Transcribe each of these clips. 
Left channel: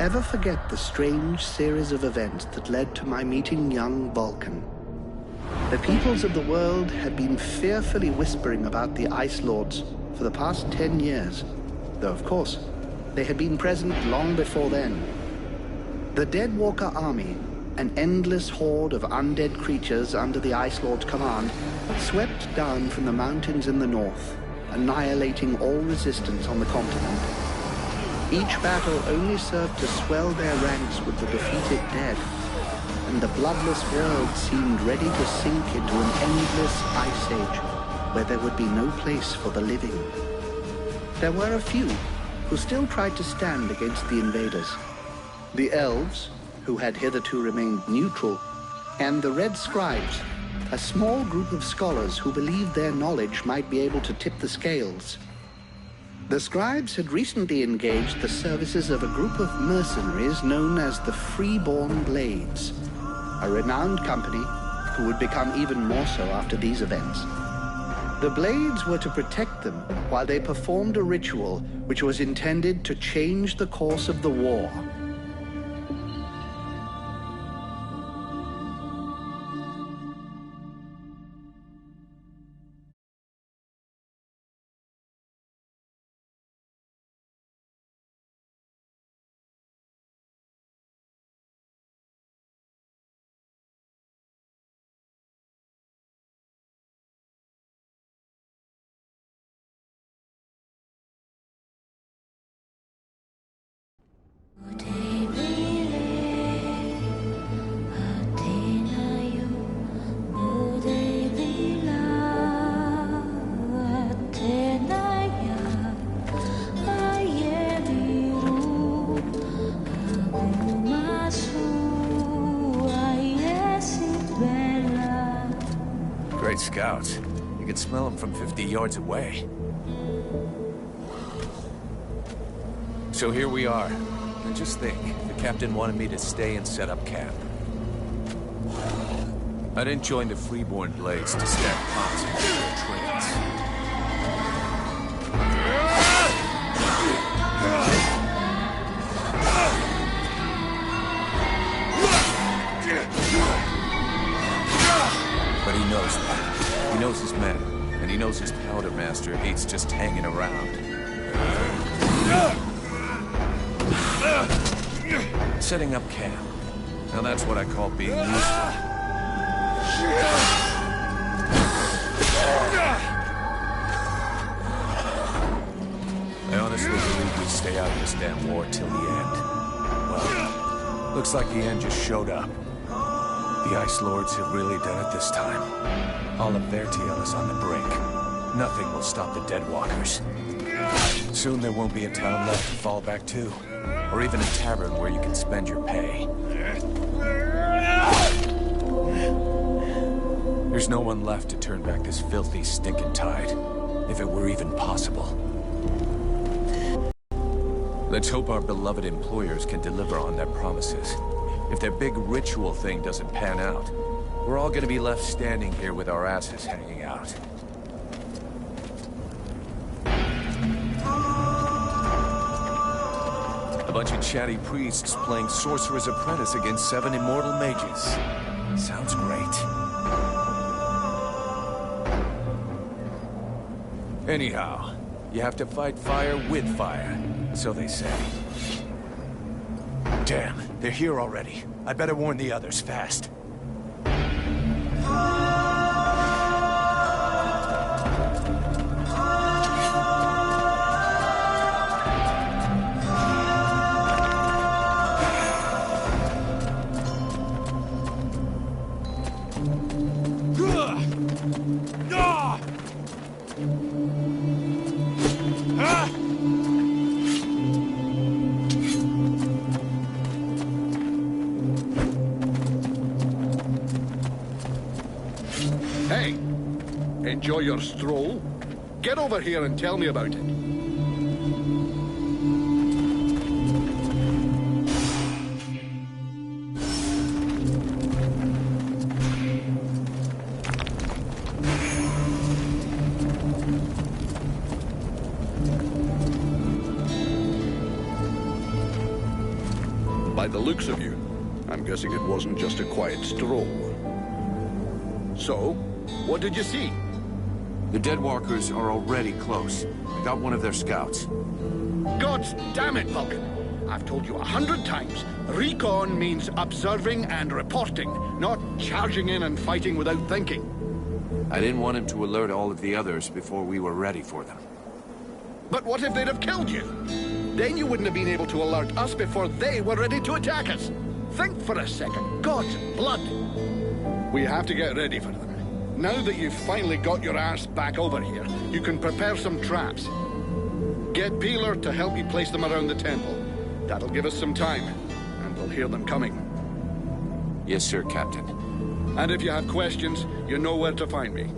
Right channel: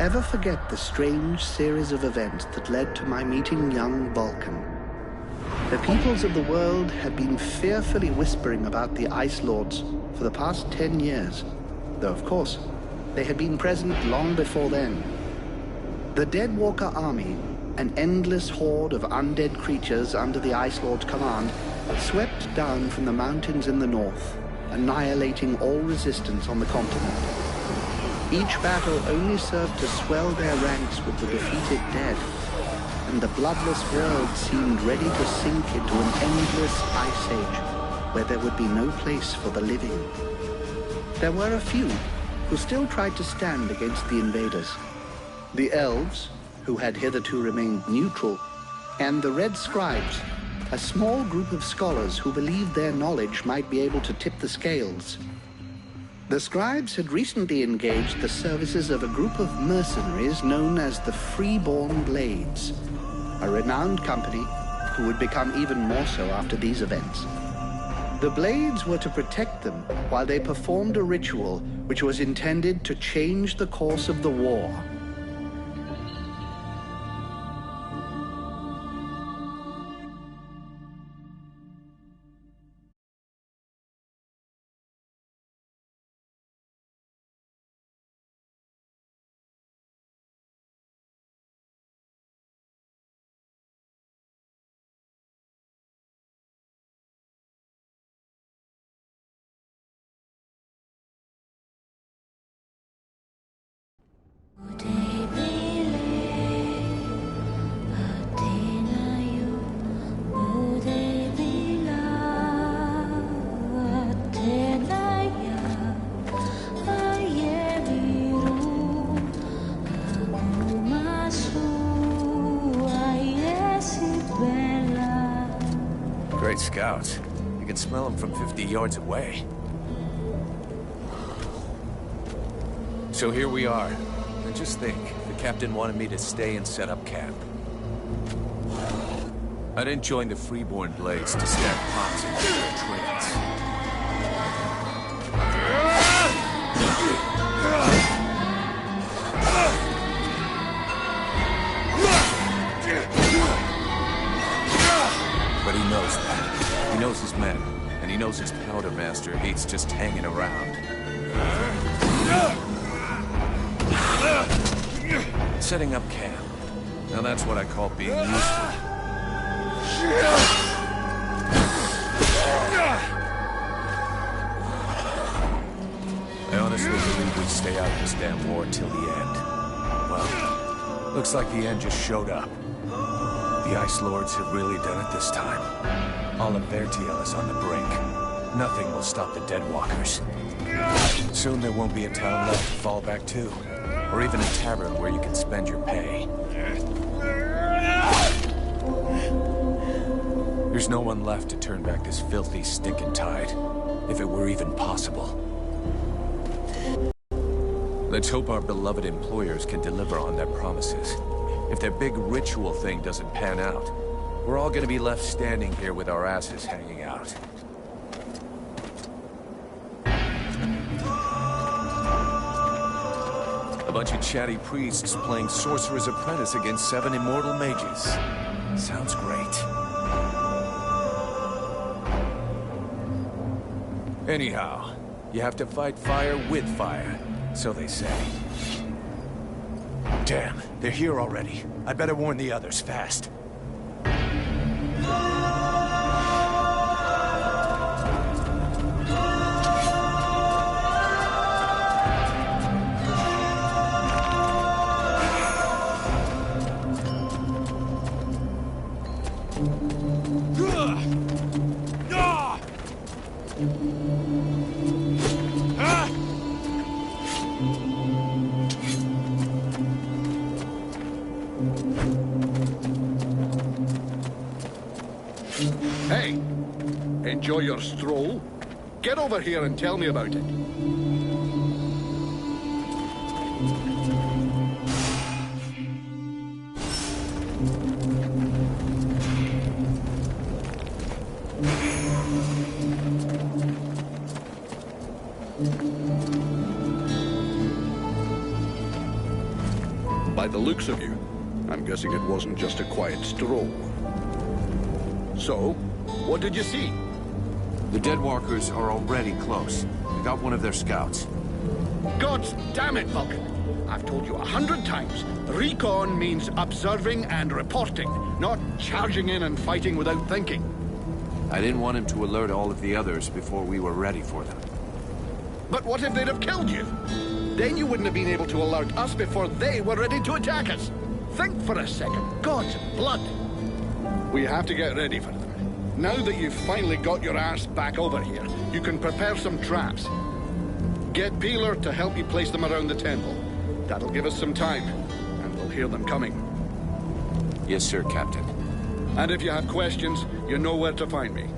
ever forget the strange series of events that led to my meeting young Vulcan. The peoples of the world had been fearfully whispering about the Ice Lords for the past 10 years, though of course, they had been present long before then. The Deadwalker army, an endless horde of undead creatures under the Ice Lord's command, swept down from the mountains in the north, annihilating all resistance on the continent. Each battle only served to swell their ranks with the defeated dead, and the bloodless world seemed ready to sink into an endless ice age where there would be no place for the living. There were a few who still tried to stand against the invaders. The elves, who had hitherto remained neutral, and the red scribes, a small group of scholars who believed their knowledge might be able to tip the scales. The scribes had recently engaged the services of a group of mercenaries known as the Freeborn Blades, a renowned company who would become even more so after these events. The Blades were to protect them while they performed a ritual which was intended to change the course of the war. Great scouts. You can smell them from 50 yards away. So here we are. And just think, the captain wanted me to stay and set up camp. I didn't join the Freeborn Blades to stack pots and get their trains. But he knows that. He knows his men, and he knows his powder master hates just hanging around. Setting up camp. Now that's what I call being useful. I honestly believe we stay out of this damn war till the end. Well, looks like the end just showed up. The Ice Lords have really done it this time. All of Vertiel is on the brink. Nothing will stop the Deadwalkers. Soon there won't be a town left to fall back to, or even a tavern where you can spend your pay. There's no one left to turn back this filthy, stinking tide, if it were even possible. Let's hope our beloved employers can deliver on their promises. If their big ritual thing doesn't pan out, we're all gonna be left standing here with our asses hanging out. A bunch of chatty priests playing Sorcerer's Apprentice against 7 immortal mages. Sounds great. Anyhow, you have to fight fire with fire, so they say. Damn, they're here already. I better warn the others fast. Hey, enjoy your stroll? Get over here and tell me about it. By the looks of you, I'm guessing it wasn't just a quiet stroll. So, what did you see? The Deadwalkers are already close. I got one of their scouts. God damn it, Vulcan! I've told you 100 times, recon means observing and reporting, not charging in and fighting without thinking. I didn't want him to alert all of the others before we were ready for them. But what if they'd have killed you? Then you wouldn't have been able to alert us before they were ready to attack us. Think for a second. God's blood! We have to get ready for them. Now that you've finally got your ass back over here, you can prepare some traps. Get Peeler to help you place them around the temple. That'll give us some time, and we'll hear them coming. Yes, sir, Captain. And if you have questions, you know where to find me.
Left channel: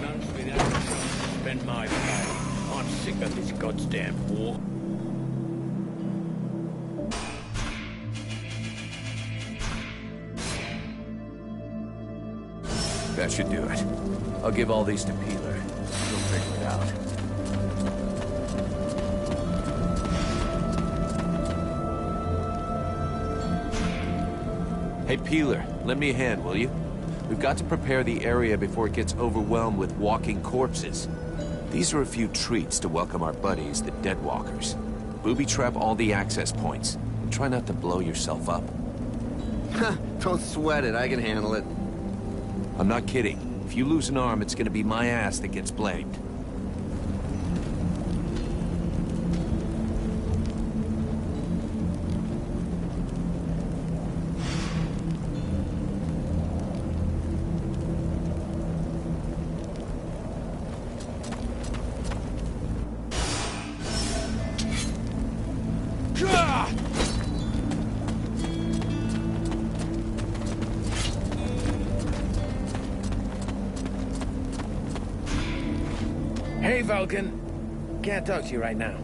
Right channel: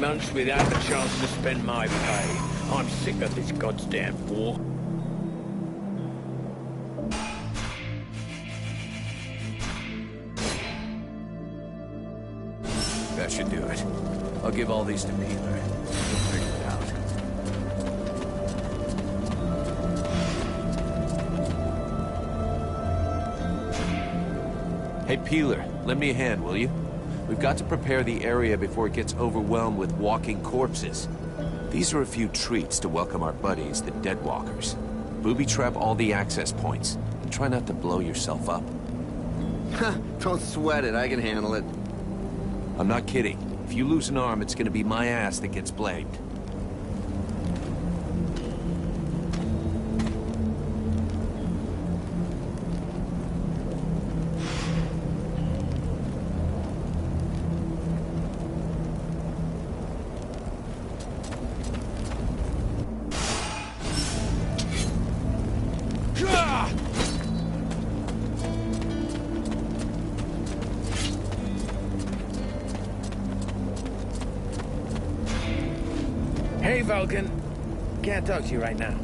Months without a chance to spend my pay. I'm sick of this goddamn war. That should do it. I'll give all these to Peeler. He'll figure it out. Hey, Peeler, lend me a hand, will you? We've got to prepare the area before it gets overwhelmed with walking corpses. These are a few treats to welcome our buddies, the Deadwalkers. Booby-trap all the access points, and try not to blow yourself up. Don't sweat it, I can handle it. I'm not kidding. If you lose an arm, it's gonna be my ass that gets blamed. Hey, Vulcan. Can't talk to you right now.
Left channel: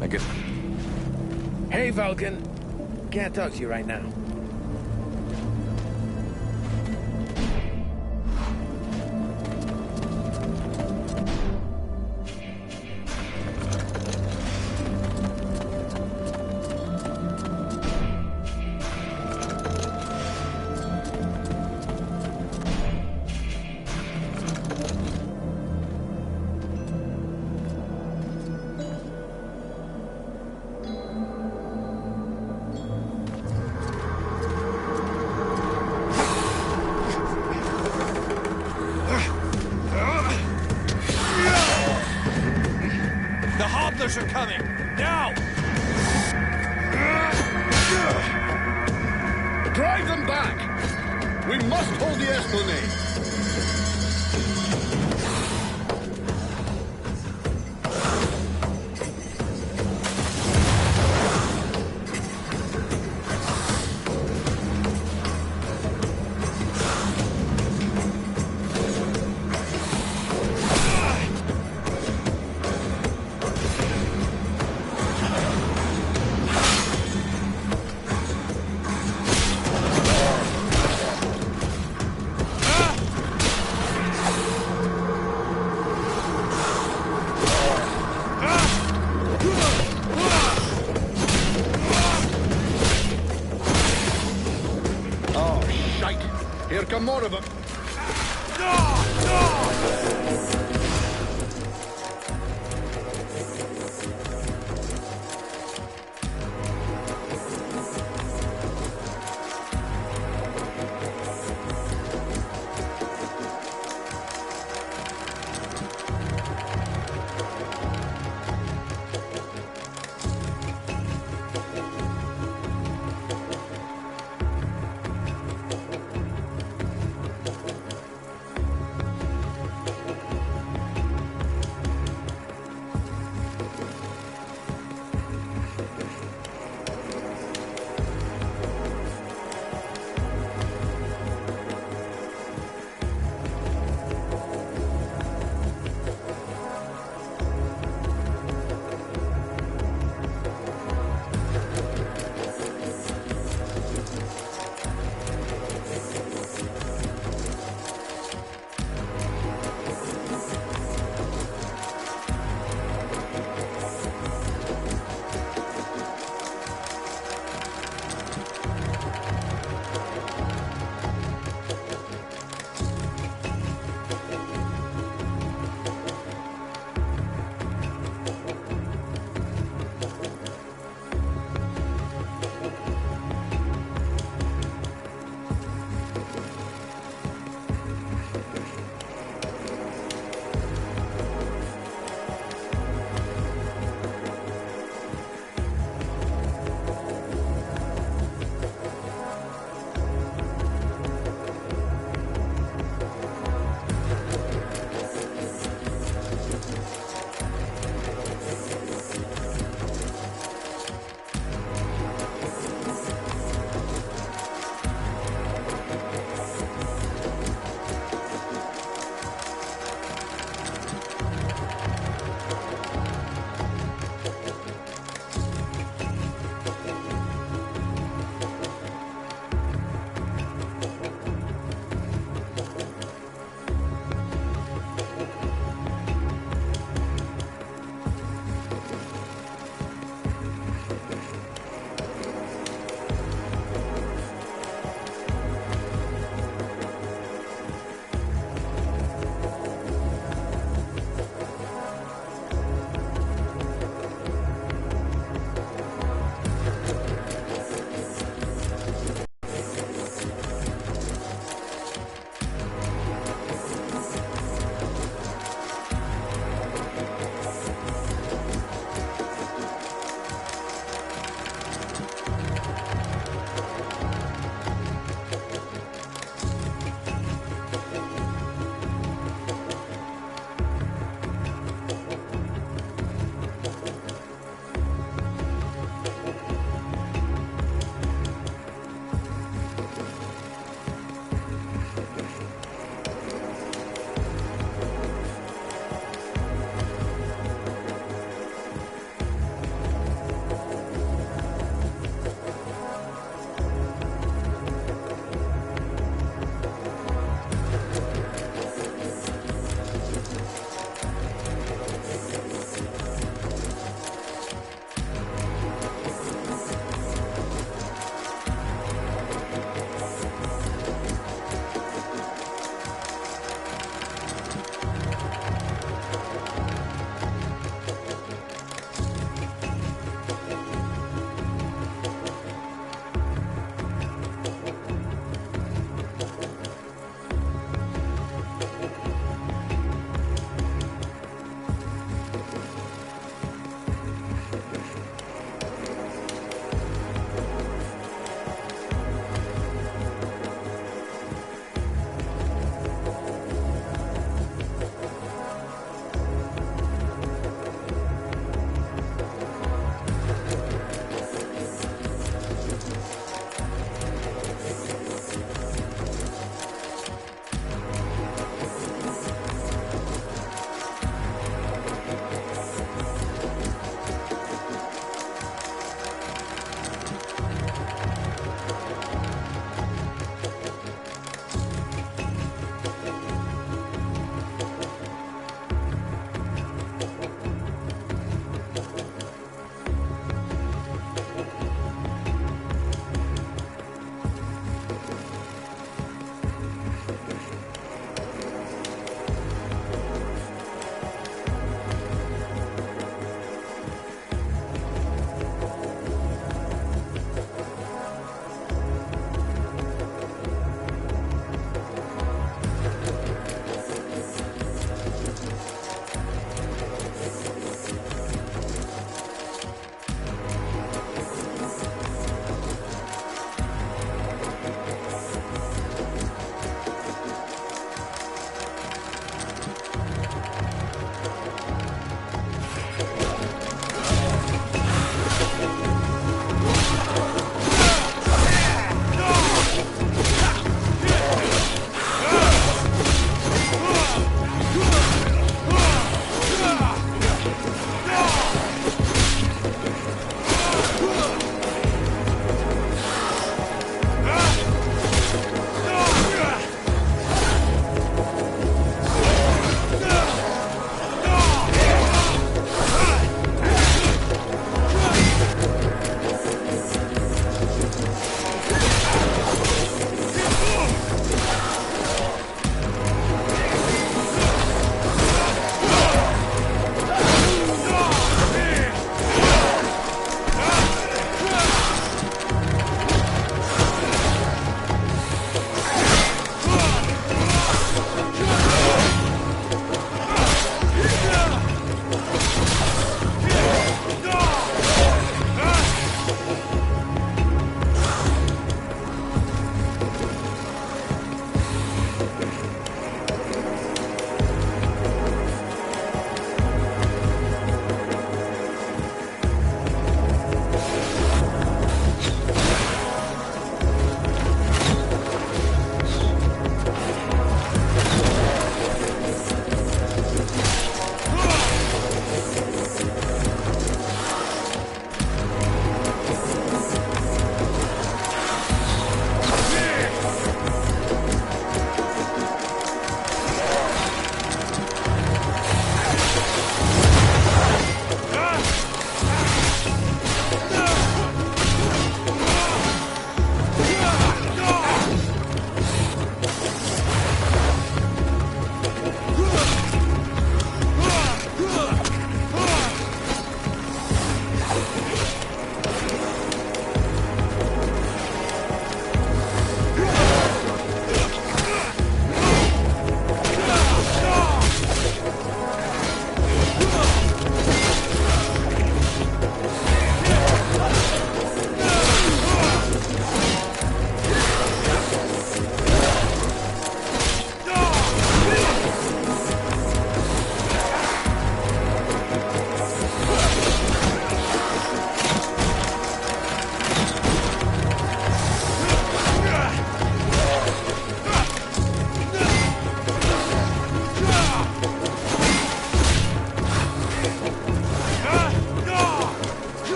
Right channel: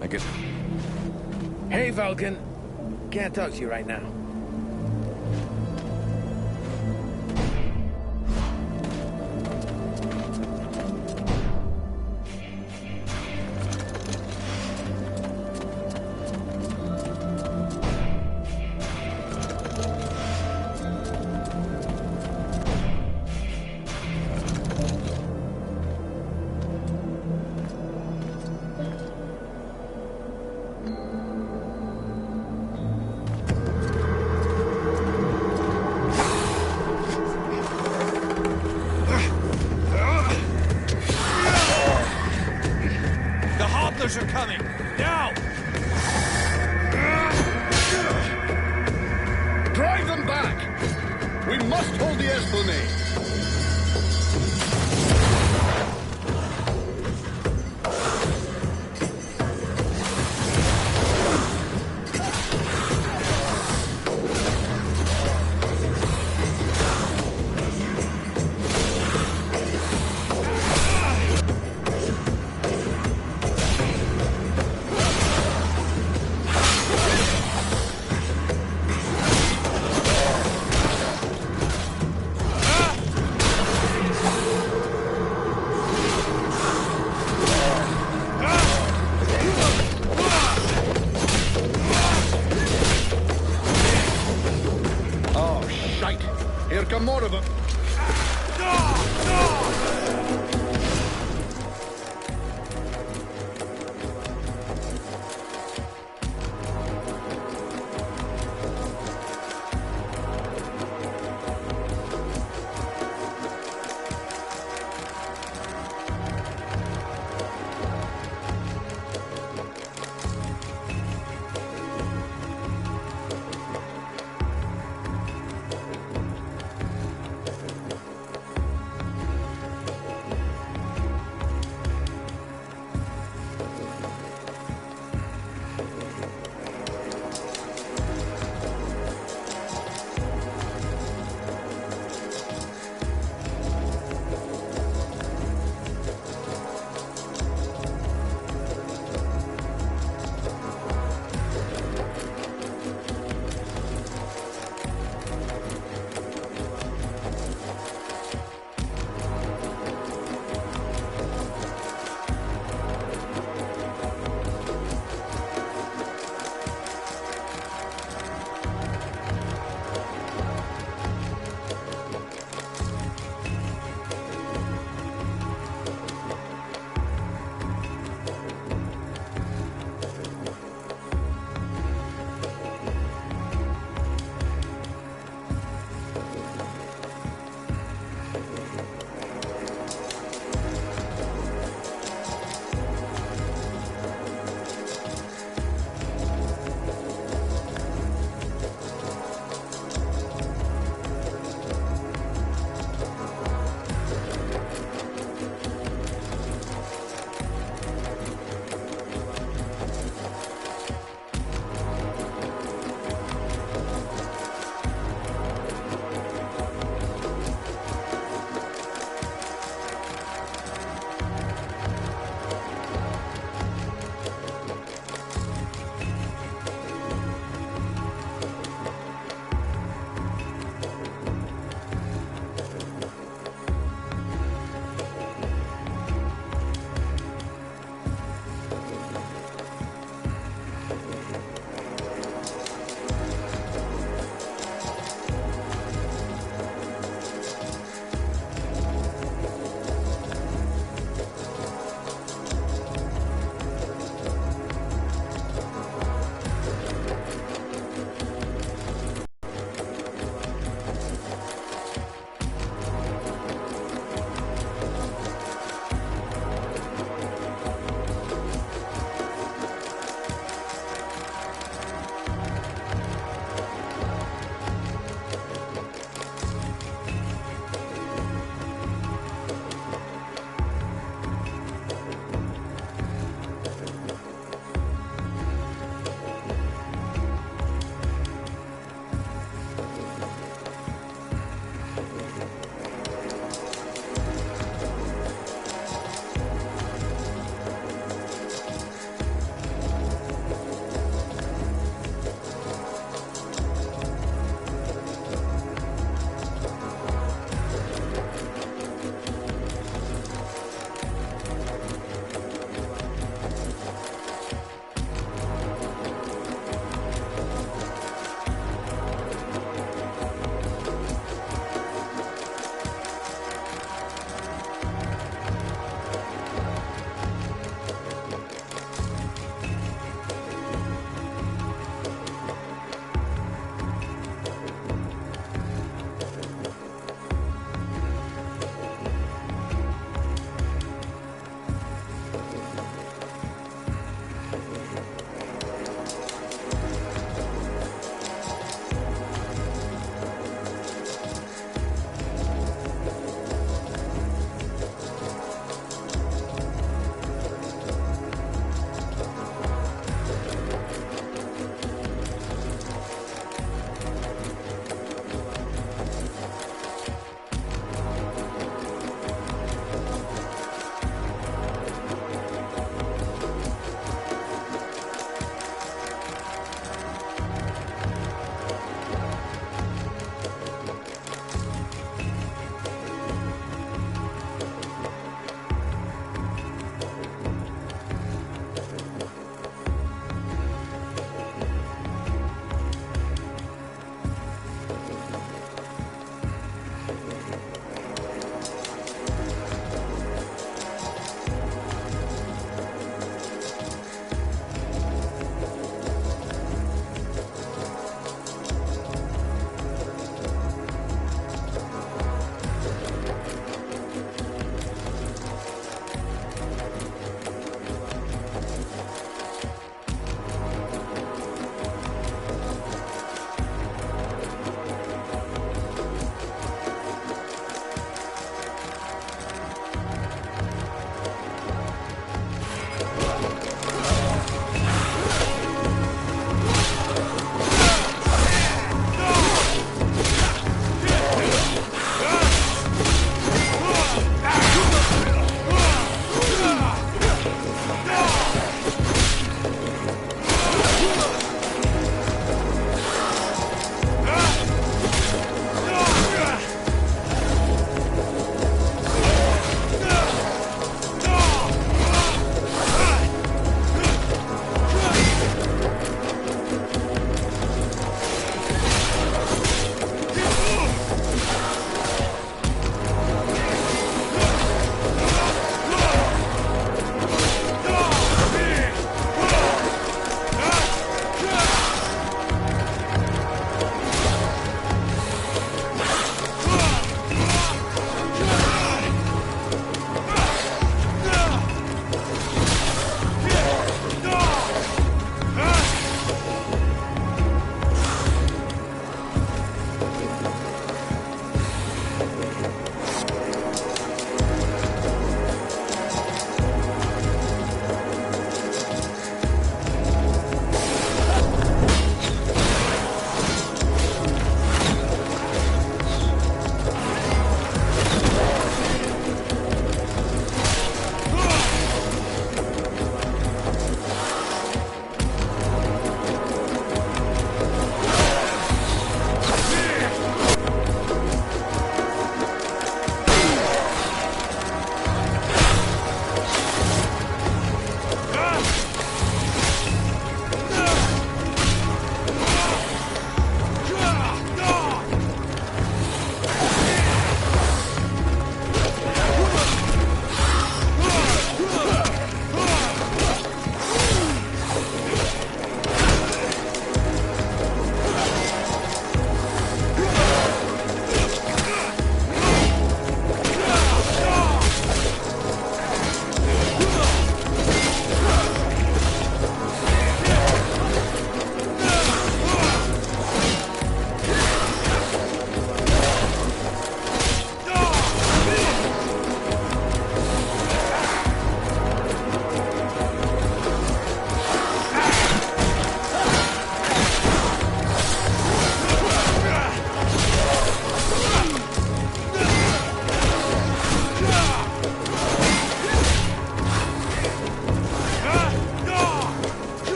I guess... Hey, Vulcan. Can't talk to you right now. Are coming! Now! Drive them back! We must hold the Esplanade! Oh, shite. Here come more of them.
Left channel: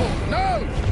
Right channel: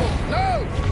Careful! No!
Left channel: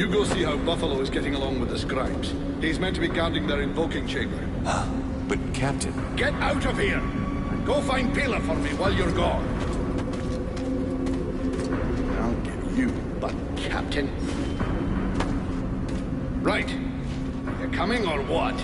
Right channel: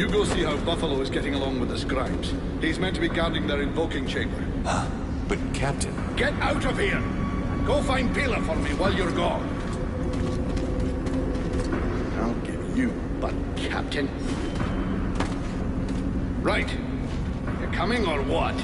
You go see how Buffalo is getting along with the scribes. He's meant to be guarding their invoking chamber. But, Captain... Get out of here! And go find Pila for me while you're gone. I'll give you butt, Captain. Right. You coming or what?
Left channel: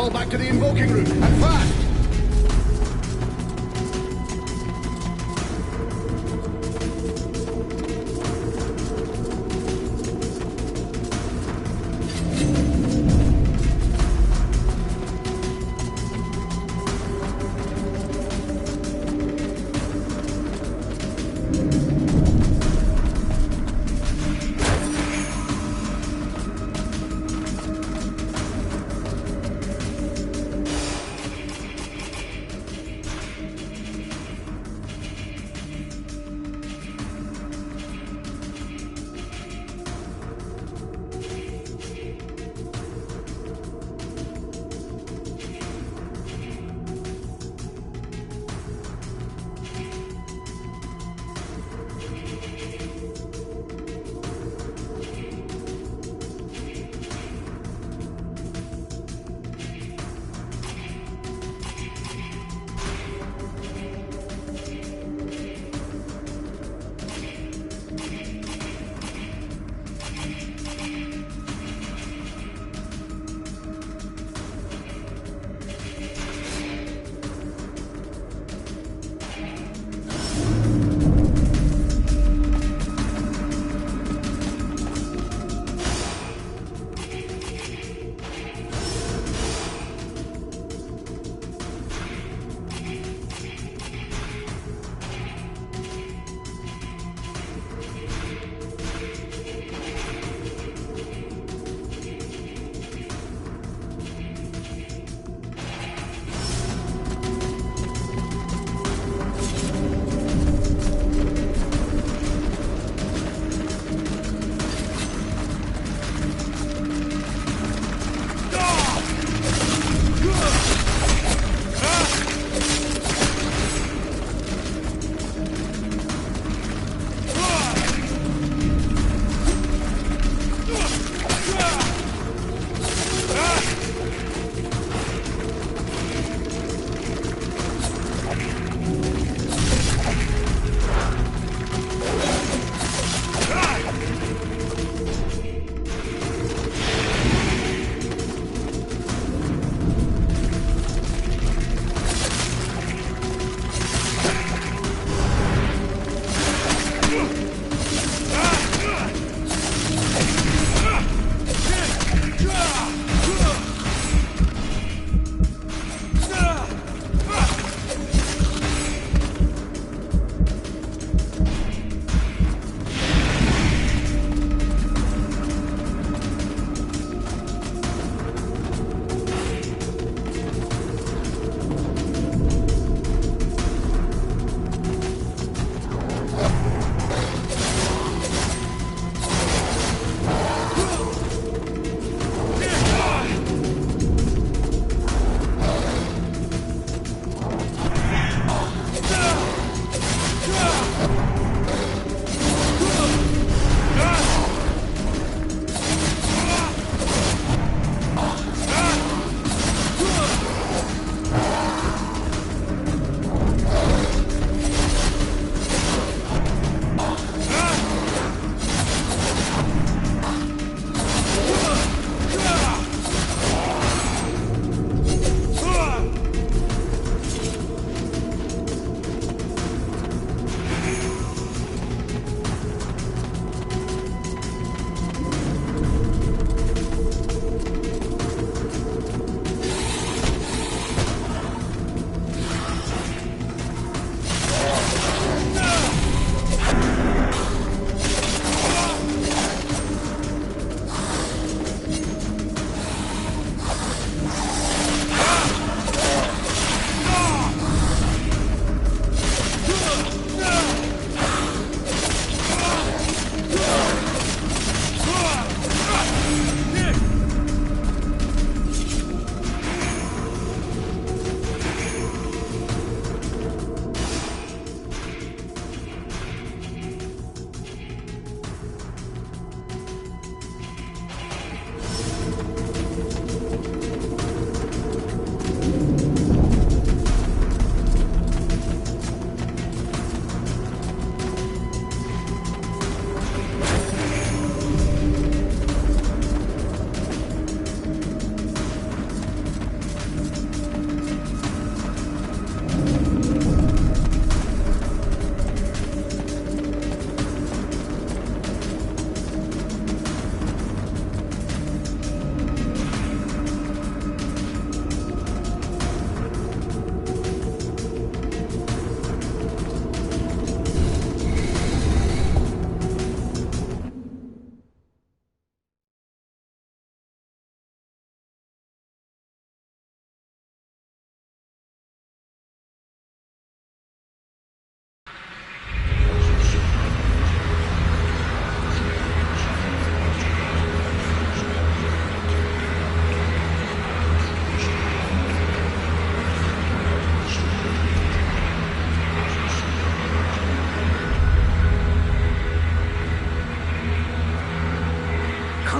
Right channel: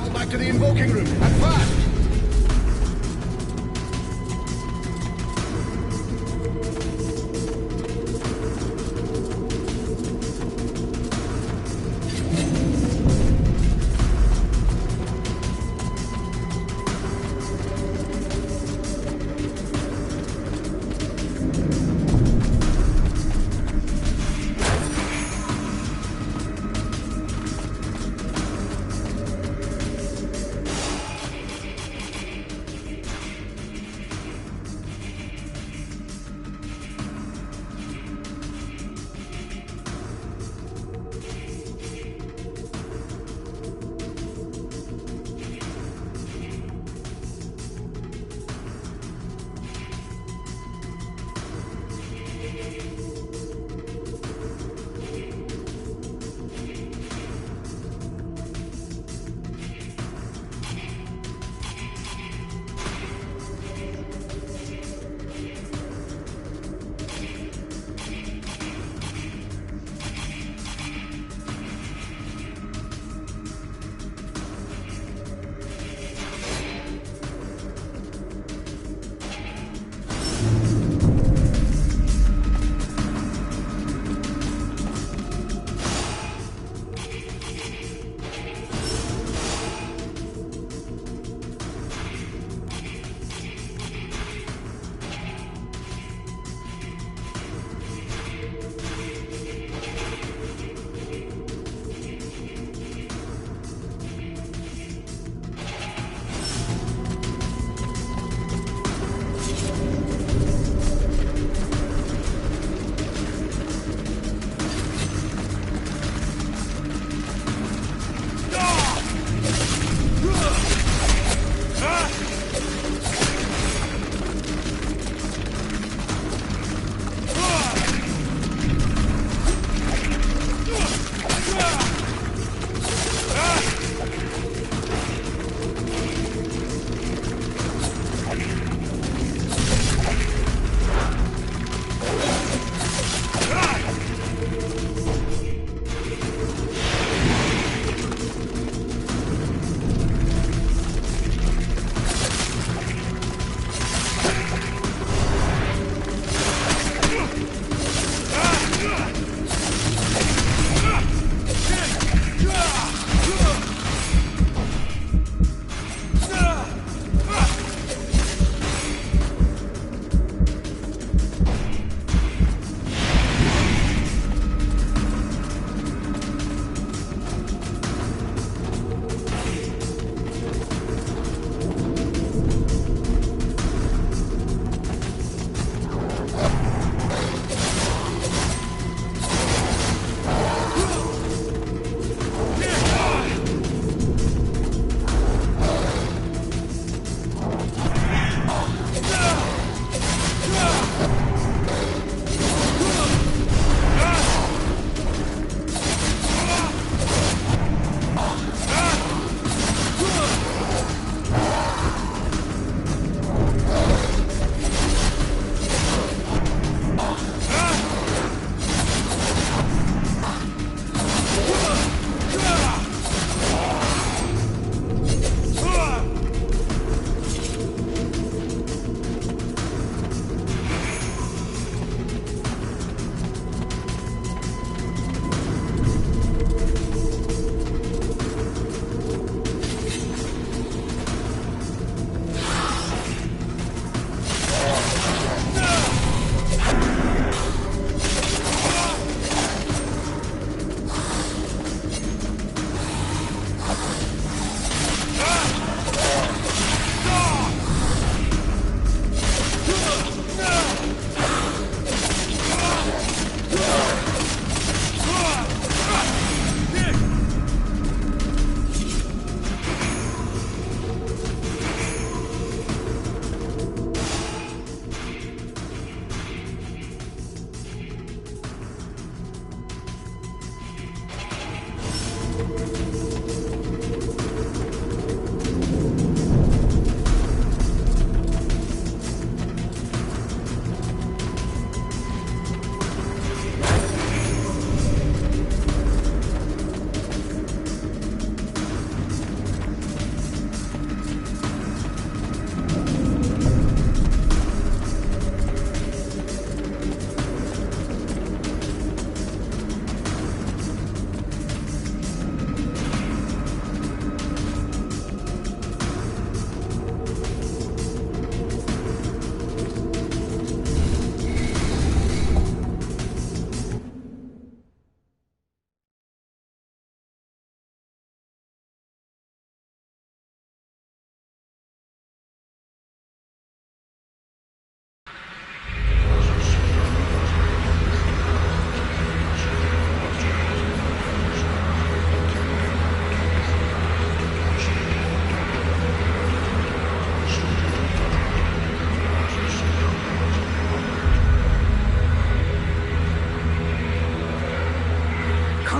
fall back to the invoking room, and fast!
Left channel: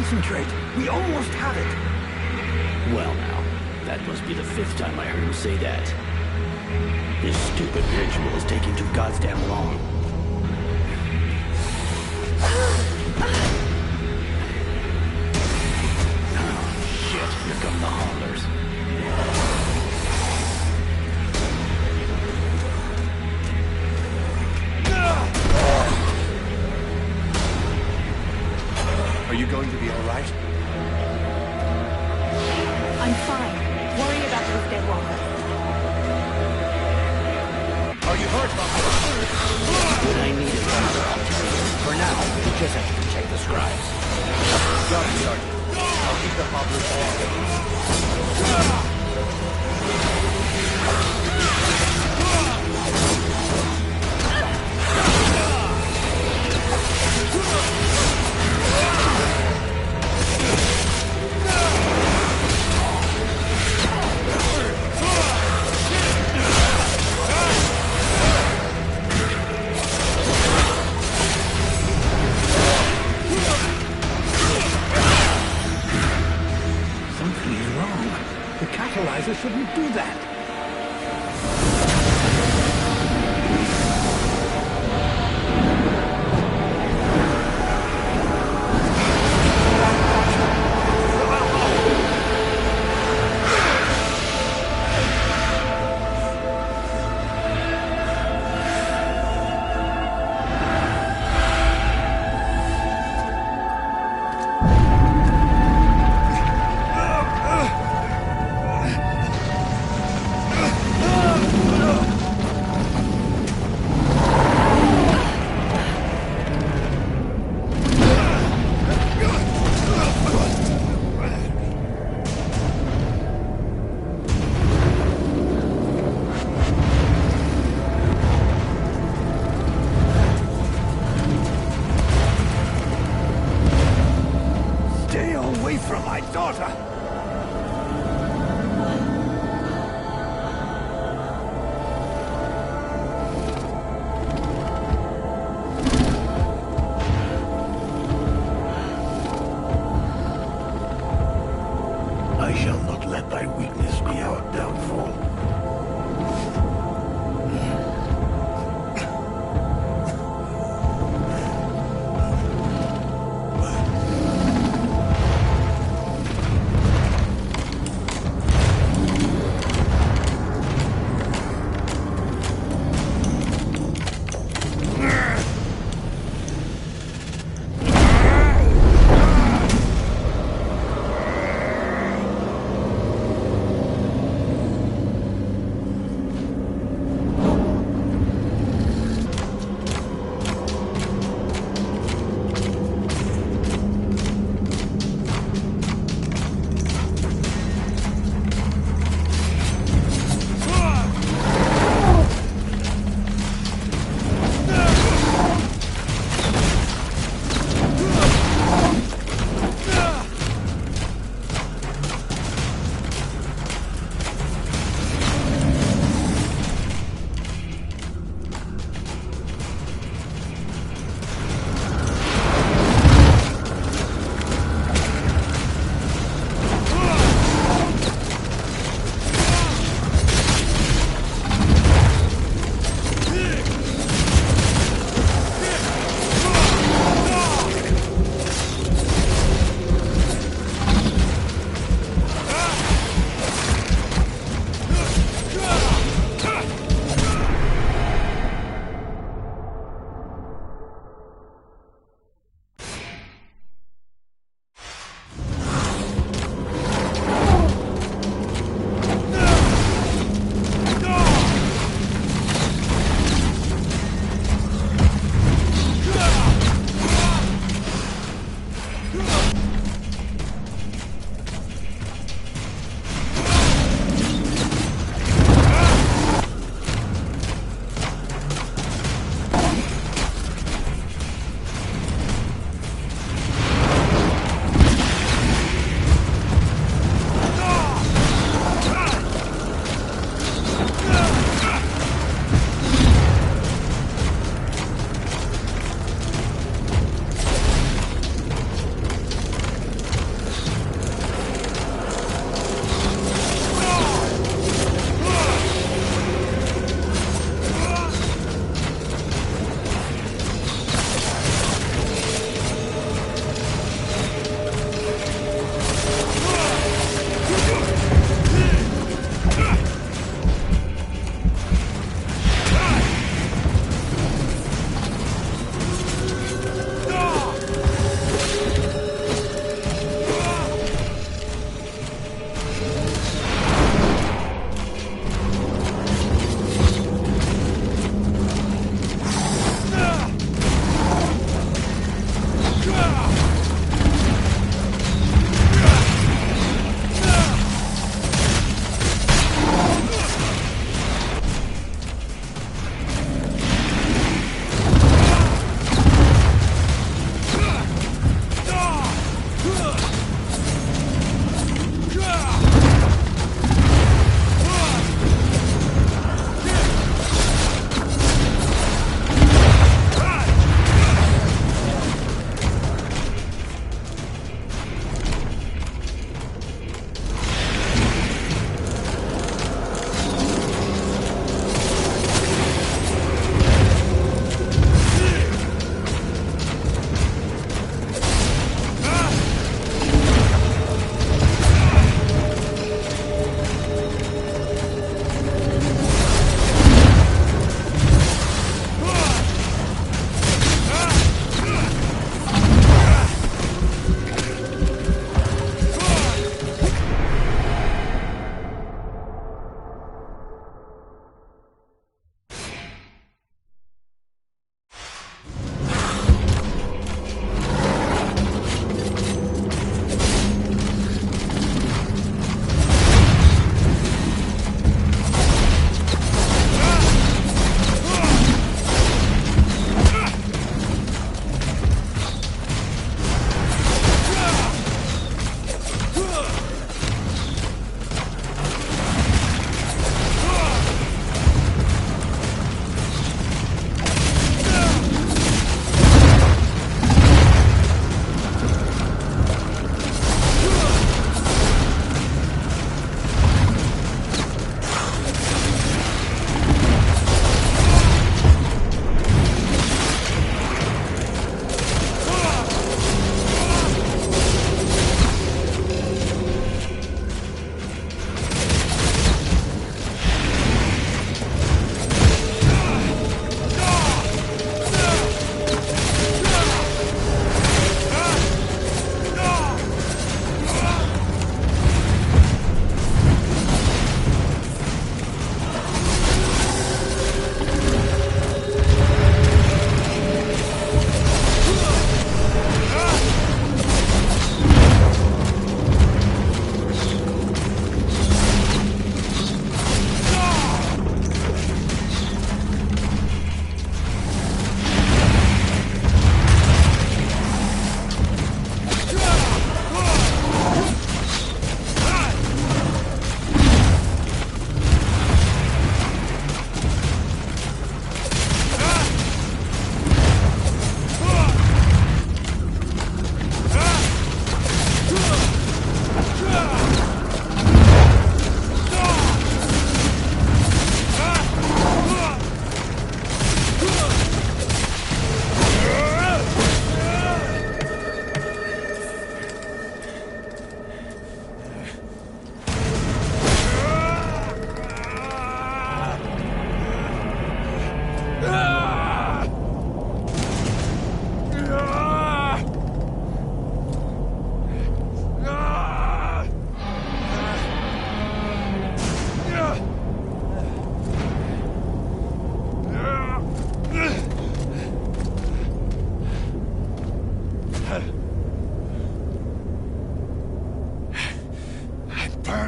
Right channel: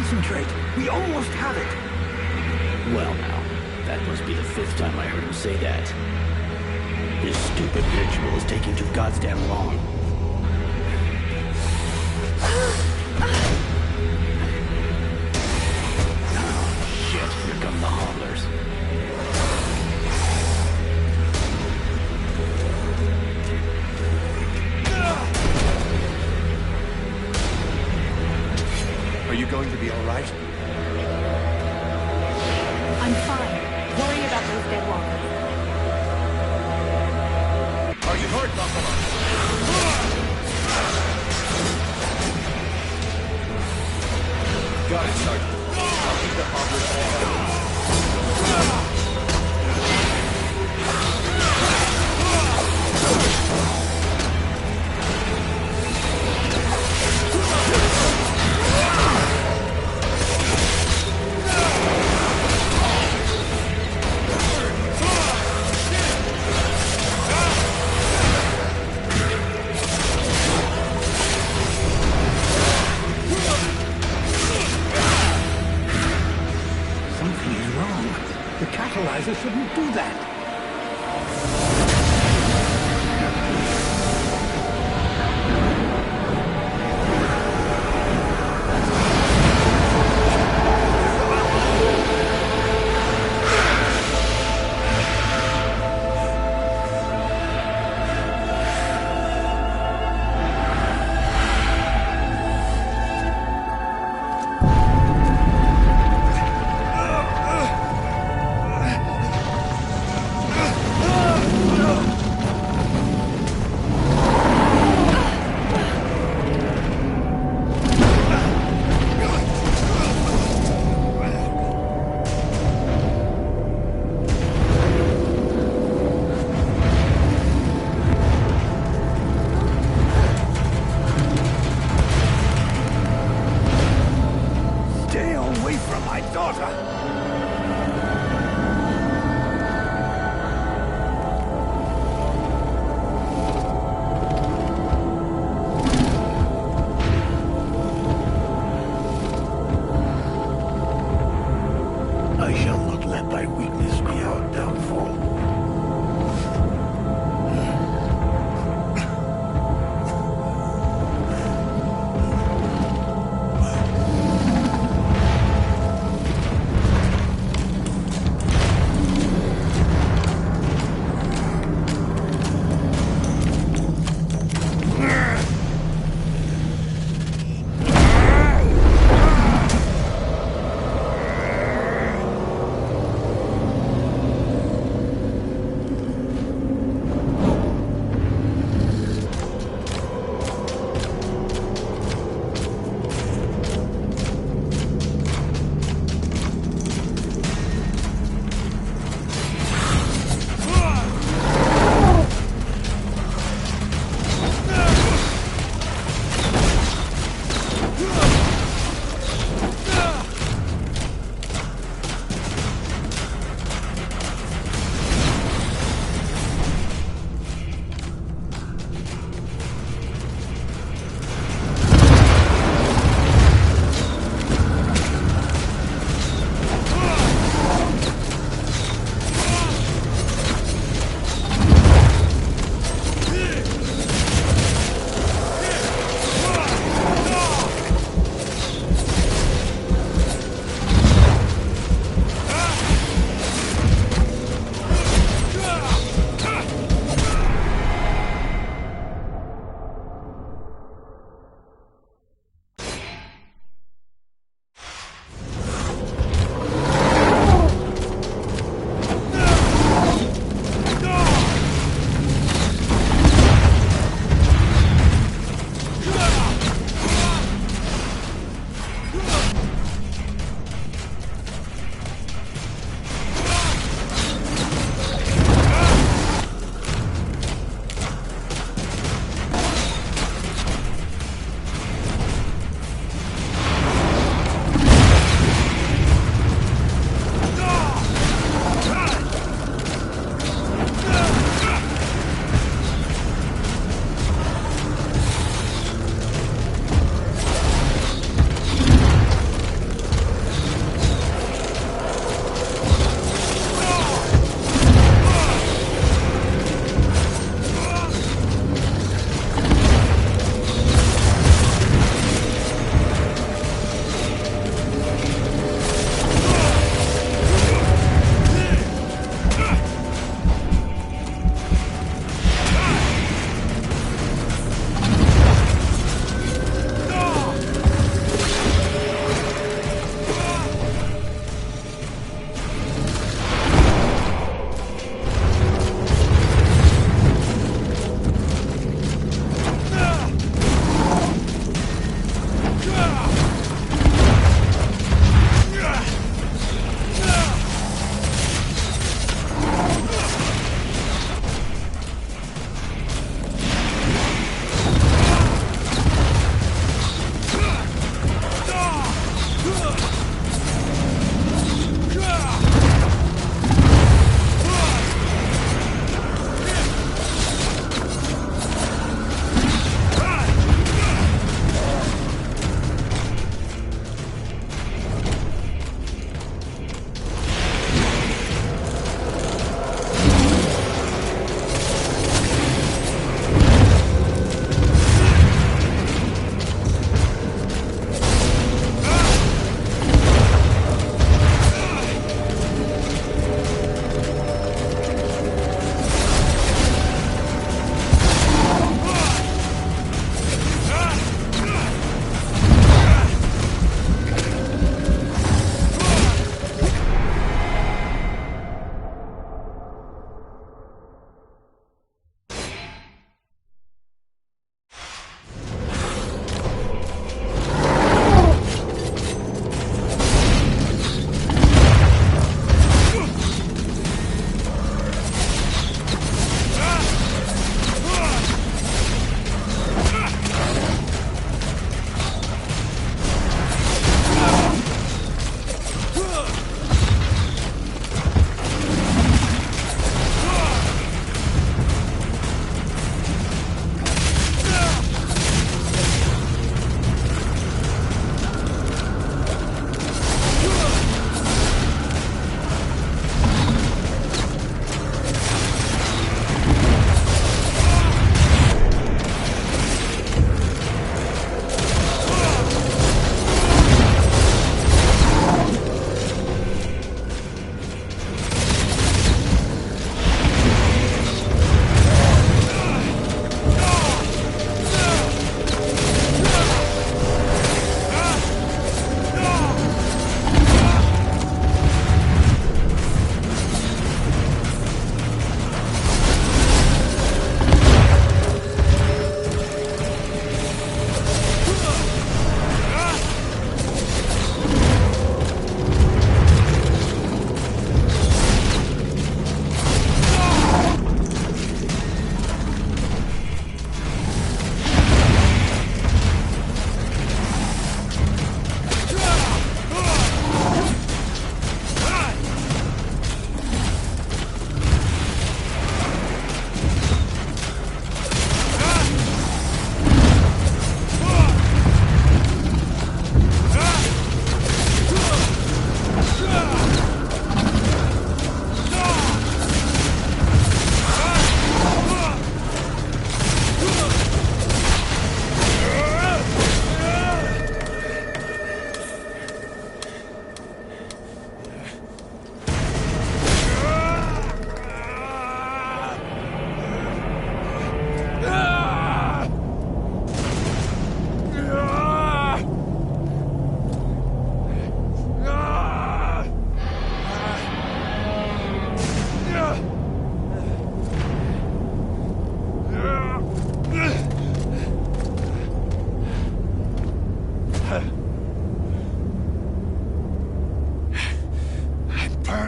Concentrate. We almost have it. Well now, that must be the 5th time I heard him say that. This stupid ritual is taking too goddamn long. Oh, shit. Here come the hobblers. Are you going to be all right? I'm fine. Worry about those dead walkers. Are you hurt, Buffalo? For now, we can just take this ride. Got it, Sergeant. I'll keep the hobblers off. Something is wrong. The catalyzer shouldn't do that. Stay away from my daughter! I shall not let thy weakness be our downfall.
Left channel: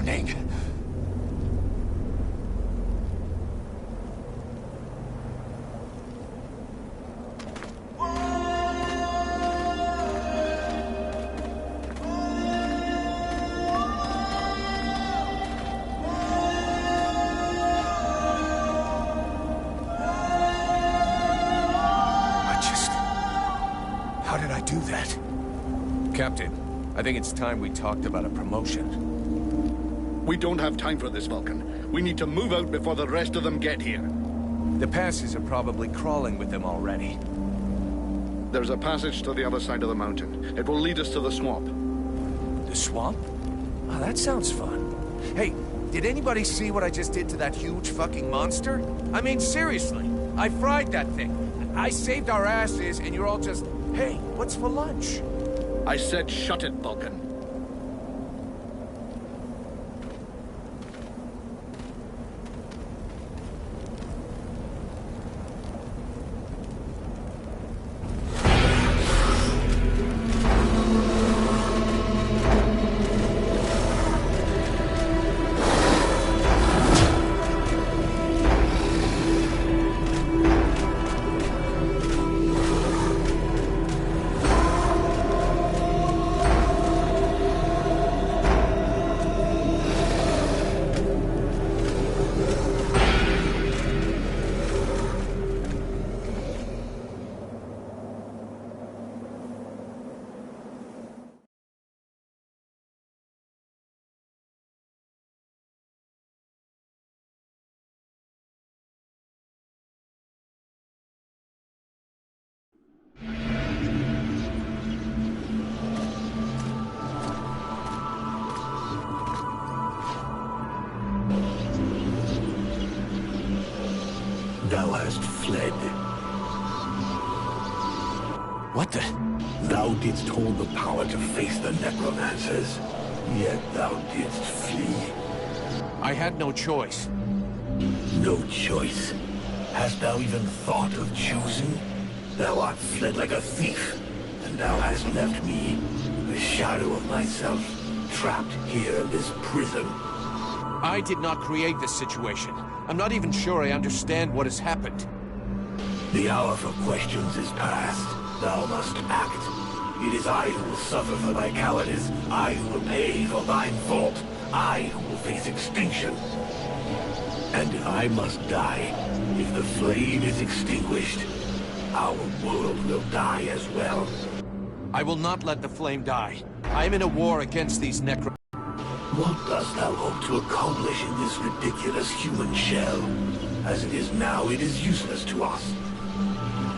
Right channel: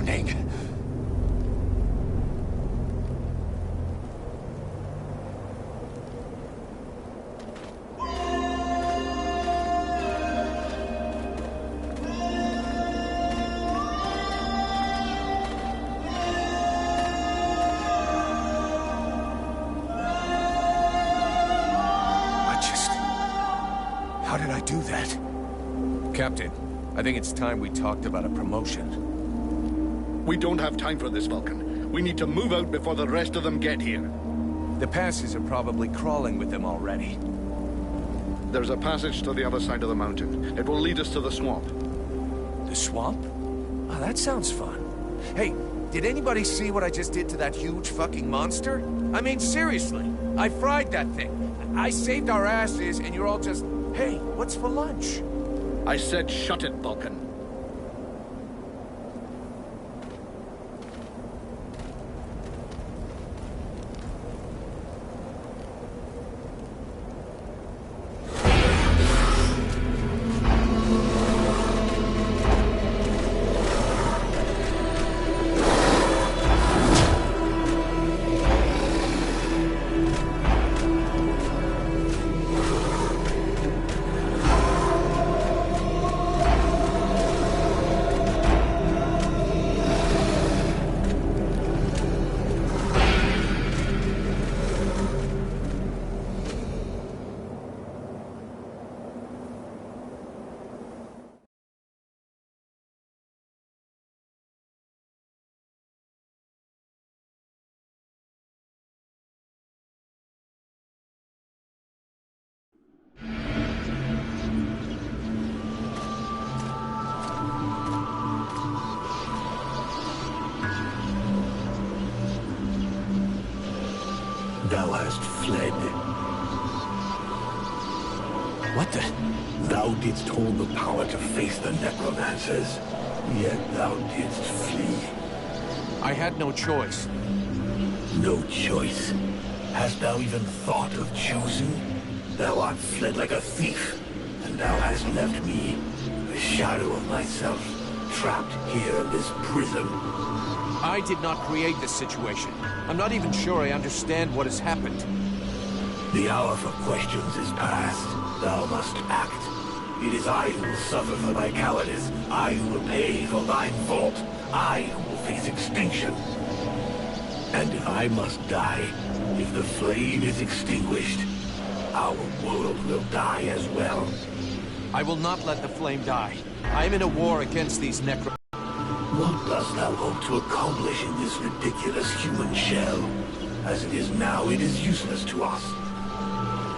burning. How did I do that? Captain, I think it's time we talked about a promotion. We don't have time for this, Vulcan. We need to move out before the rest of them get here. The passes are probably crawling with them already. There's a passage to the other side of the mountain. It will lead us to the swamp. The swamp? Oh, that sounds fun. Hey, did anybody see what I just did to that huge fucking monster? I mean, seriously. I fried that thing. I saved our asses, and you're all just... Hey, what's for lunch? I said shut it, Vulcan. thou hast fled. What the? Thou didst hold the power to face the necromancers, yet thou didst flee. I had no choice. No choice. Hast thou even thought of choosing? Thou art fled like a thief, and thou hast left me, the shadow of myself, trapped here in this prison. I did not create this situation. I'm not even sure I understand what has happened. The hour for questions is past. Thou must act. It is I who will suffer for thy cowardice. I who will pay for thine fault. I who will face extinction. And if I must die, if the flame is extinguished, our world will die as well. I will not let the flame die. I am in a war against these necro... What dost thou hope to accomplish in this ridiculous human shell? As it is now, it is useless to us.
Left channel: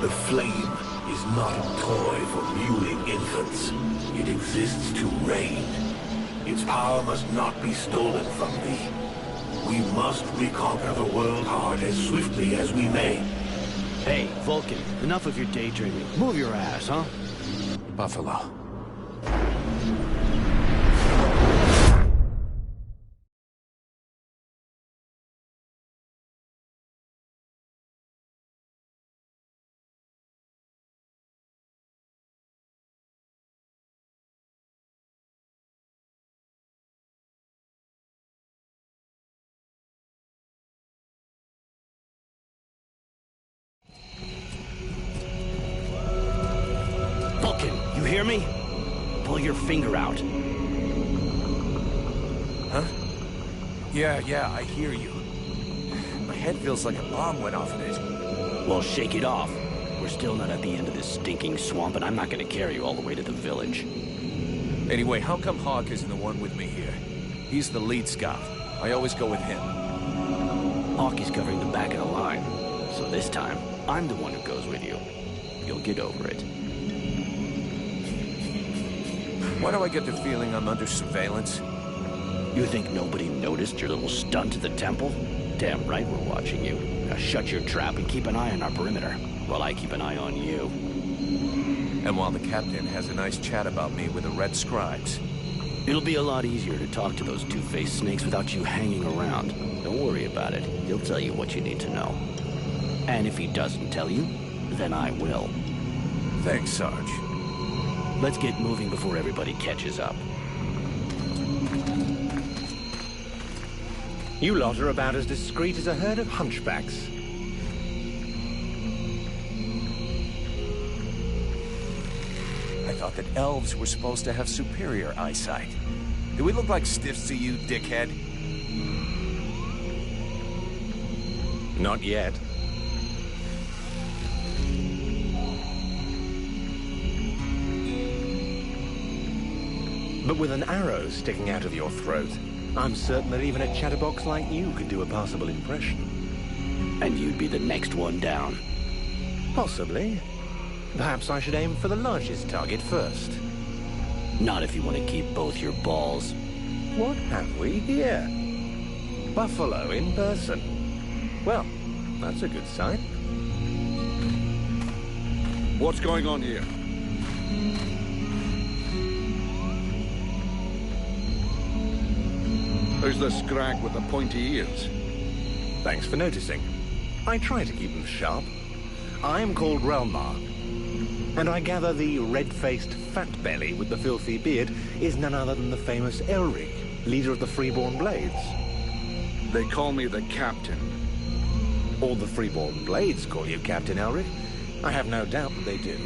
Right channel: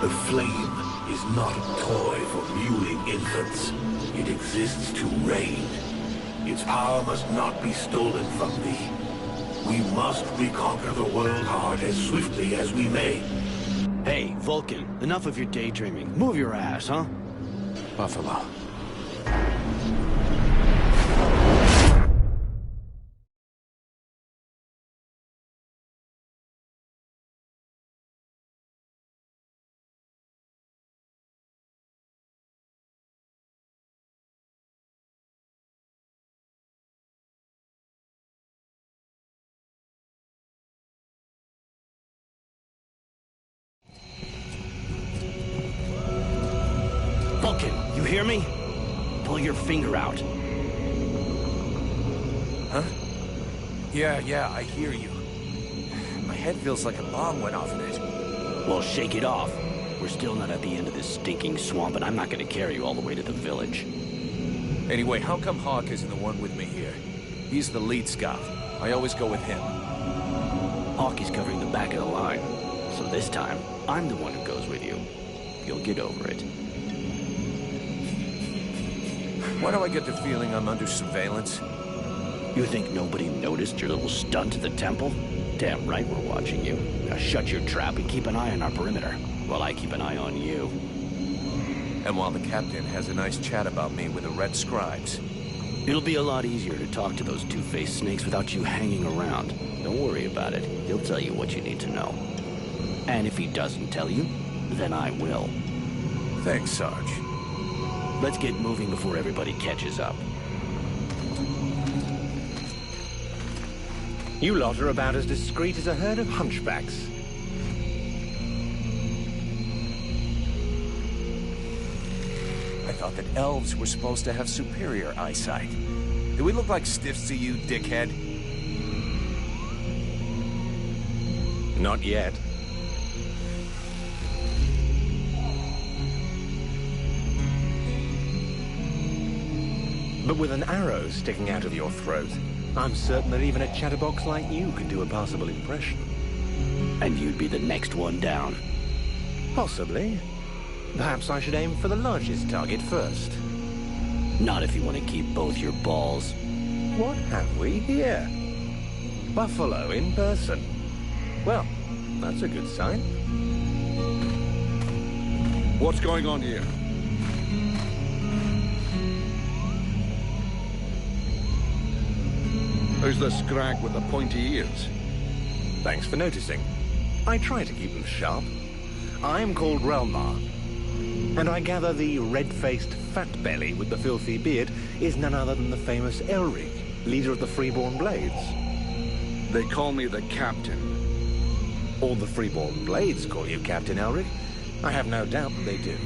The flame is not a toy for mewling infants. It exists to reign. Its power must not be stolen from thee. We must reconquer the world heart as swiftly as we may. Hey, Vulcan, enough of your daydreaming. Move your ass, huh? Buffalo. Vulcan, you hear me? Pull your finger out. Huh? Yeah, I hear you. My head feels like a bomb went off in it. Well, shake it off. We're still not at the end of this stinking swamp, and I'm not gonna carry you all the way to the village. Anyway, how come Hawk isn't the one with me here? He's the lead scout. I always go with him. Hawk is covering the back of the line. So this time, I'm the one who goes with you. You'll get over it. Why do I get the feeling I'm under surveillance? You think nobody noticed your little stunt at the temple? Damn right we're watching you. Now shut your trap and keep an eye on our perimeter, while I keep an eye on you. And while the captain has a nice chat about me with the red scribes. It'll be a lot easier to talk to those two-faced snakes without you hanging around. Don't worry about it. He'll tell you what you need to know. And if he doesn't tell you, then I will. Thanks, Sarge. Let's get moving before everybody catches up. You lot are about as discreet as a herd of hunchbacks. I thought that elves were supposed to have superior eyesight. Do we look like stiffs to you, dickhead? Not yet. But with an arrow sticking out of your throat, I'm certain that even a chatterbox like you could do a passable impression. And you'd be the next one down. Possibly. Perhaps I should aim for the largest target first. Not if you want to keep both your balls. What have we here? Buffalo in person. Well, that's a good sign. What's going on here? Who's the scrag with the pointy ears? Thanks for noticing. I try to keep them sharp. I'm called Relmar, and I gather the red-faced fat belly with the filthy beard is none other than the famous Elric, leader of the Freeborn Blades. They call me the captain. All the Freeborn Blades call you Captain Elric. I have no doubt that they do.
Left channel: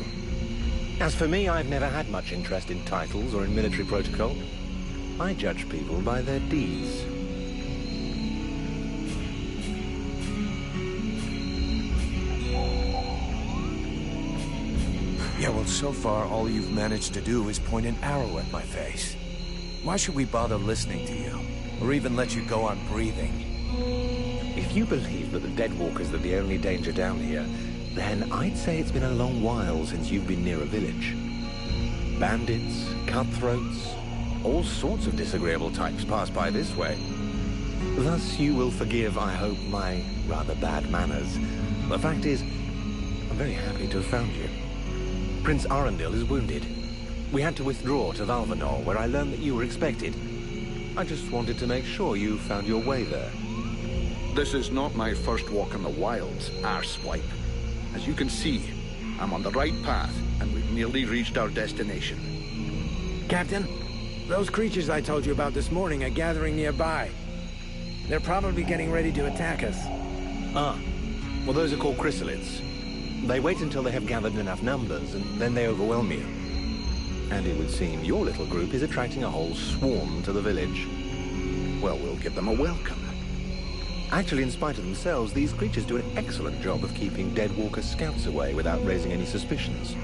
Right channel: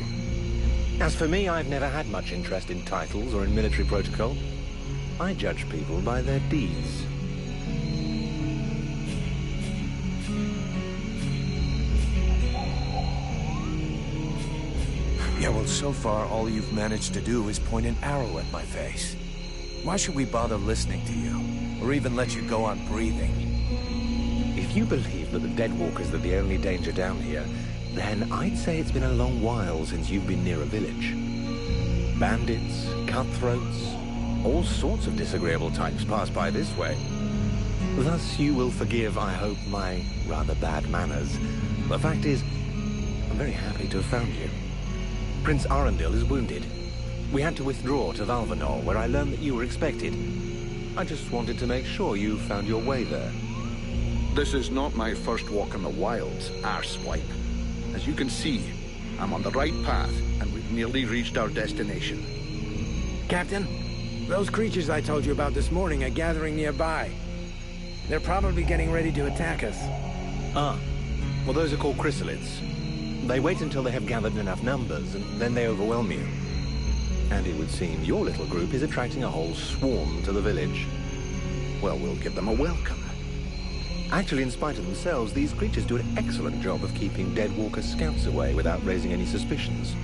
As for me, I've never had much interest in titles or in military protocol. I judge people by their deeds. Yeah, well, so far, all you've managed to do is point an arrow at my face. Why should we bother listening to you? Or even let you go on breathing? If you believe that the Deadwalkers are the only danger down here, then I'd say it's been a long while since you've been near a village. Bandits, cutthroats, all sorts of disagreeable types pass by this way. Thus you will forgive, I hope, my rather bad manners The fact is, I'm very happy to have found you. Prince Arundel is wounded. We had to withdraw to Valvanor, where I learned that you were expected. I just wanted to make sure you found your way there. This is not my first walk in the wilds, arswipe. As you can see, I'm on the right path, and we've nearly reached our destination. Captain, those creatures I told you about this morning are gathering nearby. They're probably getting ready to attack us. Ah, well, those are called chrysalids. They wait until they have gathered enough numbers, and then they overwhelm you. And it would seem your little group is attracting a whole swarm to the village. Well, we'll give them a welcome. Actually, in spite of themselves, these creatures do an excellent job of keeping Deadwalker scouts away without raising any suspicions.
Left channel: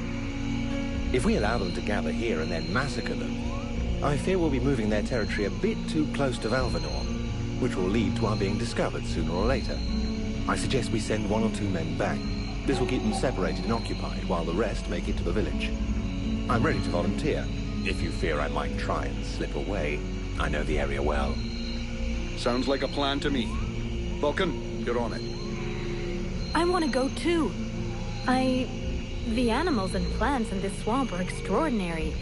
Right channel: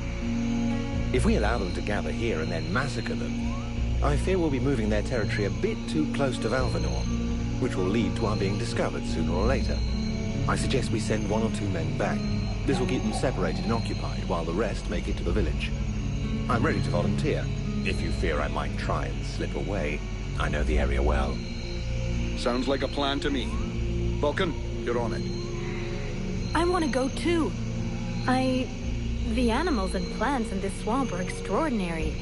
If we allow them to gather here and then massacre them, I fear we'll be moving their territory a bit too close to Valvanor, which will lead to our being discovered sooner or later. I suggest we send 1 or 2 men back. This will keep them separated and occupied, while the rest make it to the village. I'm ready to volunteer, if you fear I might try and slip away. I know the area well. Sounds like a plan to me. Vulcan, you're on it. I want to go too. The animals and plants in this swamp are extraordinary.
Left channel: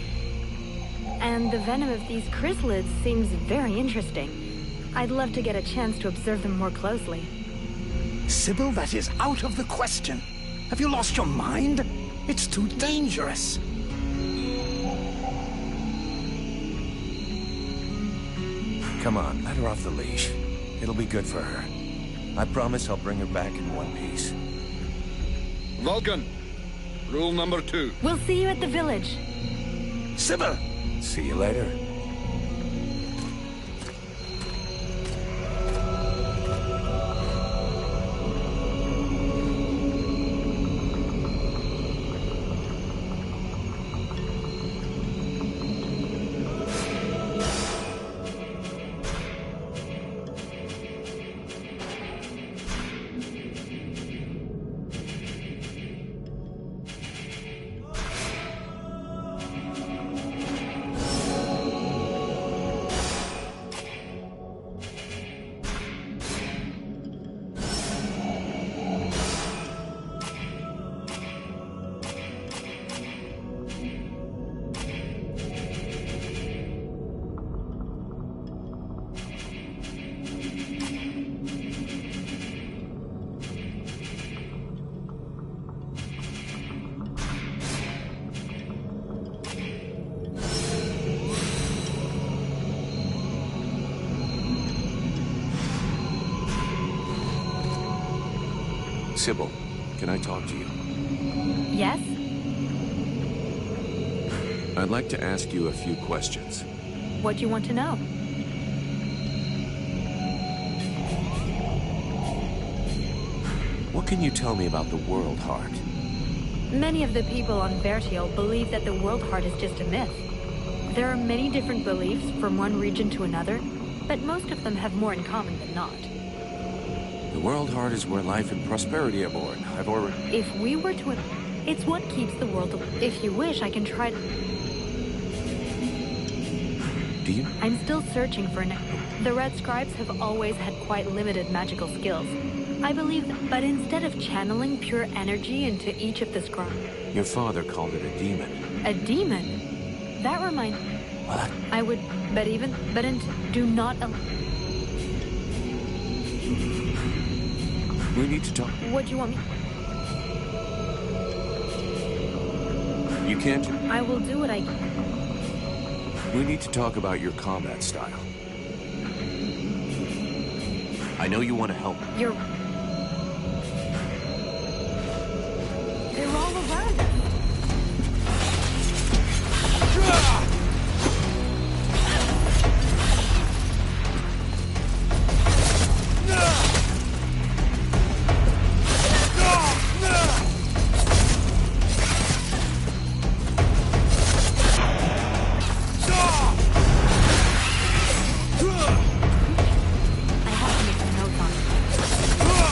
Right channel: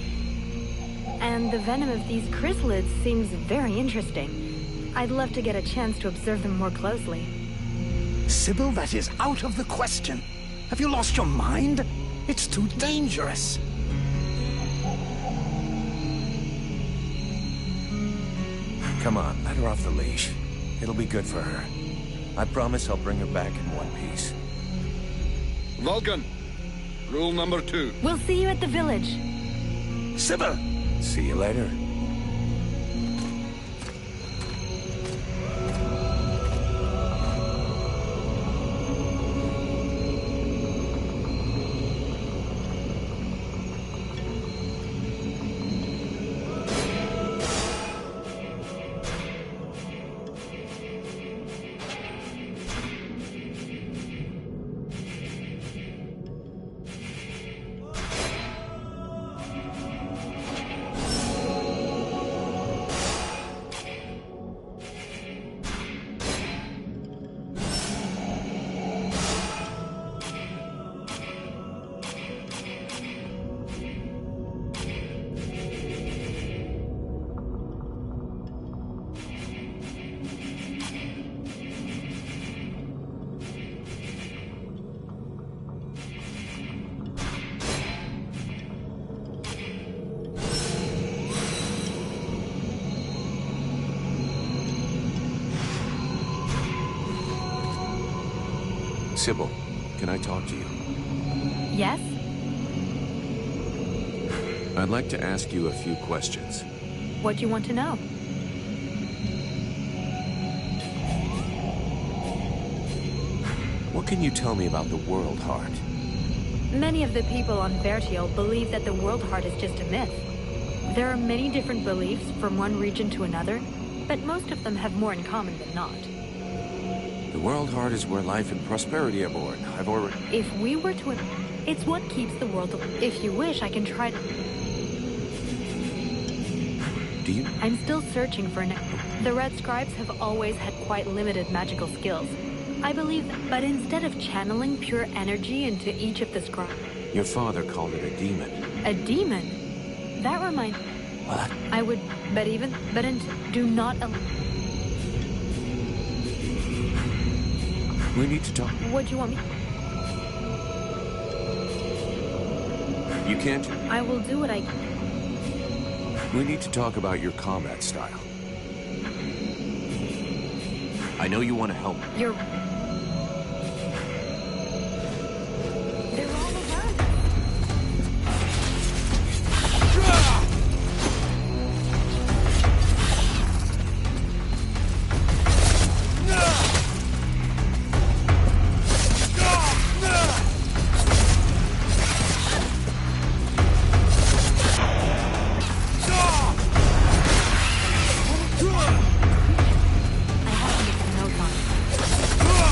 And the venom of these chrysalids seems very interesting. I'd love to get a chance to observe them more closely. Sybil, that is out of the question. Have you lost your mind? It's too dangerous. Come on, let her off the leash. It'll be good for her. I promise I'll bring her back in one piece. Vulcan, rule number 2. We'll see you at the village. Sybil! See you later. Sybil, can I talk to you? Yes? I'd like to ask you a few questions. What do you want to know? What can you tell me about the World Heart? Many of the people on Vertiel believe that the World Heart is just a myth. There are many different beliefs from one region to another, but most of them have more in common than not. The World Heart is where life and prosperity are born. I've already... If we were to... It's what keeps the world... If you wish, I can try to... Do you? I'm still searching for an... The Red Scribes have always had quite limited magical skills. I believe that... But instead of channeling pure energy into each of the scribes... Your father called it a demon. A demon? That reminds... What? I would... do not... We need to talk. What do you want me... You can't... I will do what I... We need to talk about your combat style. I know you want to help. You're... They're all around us. I have to make a note on it.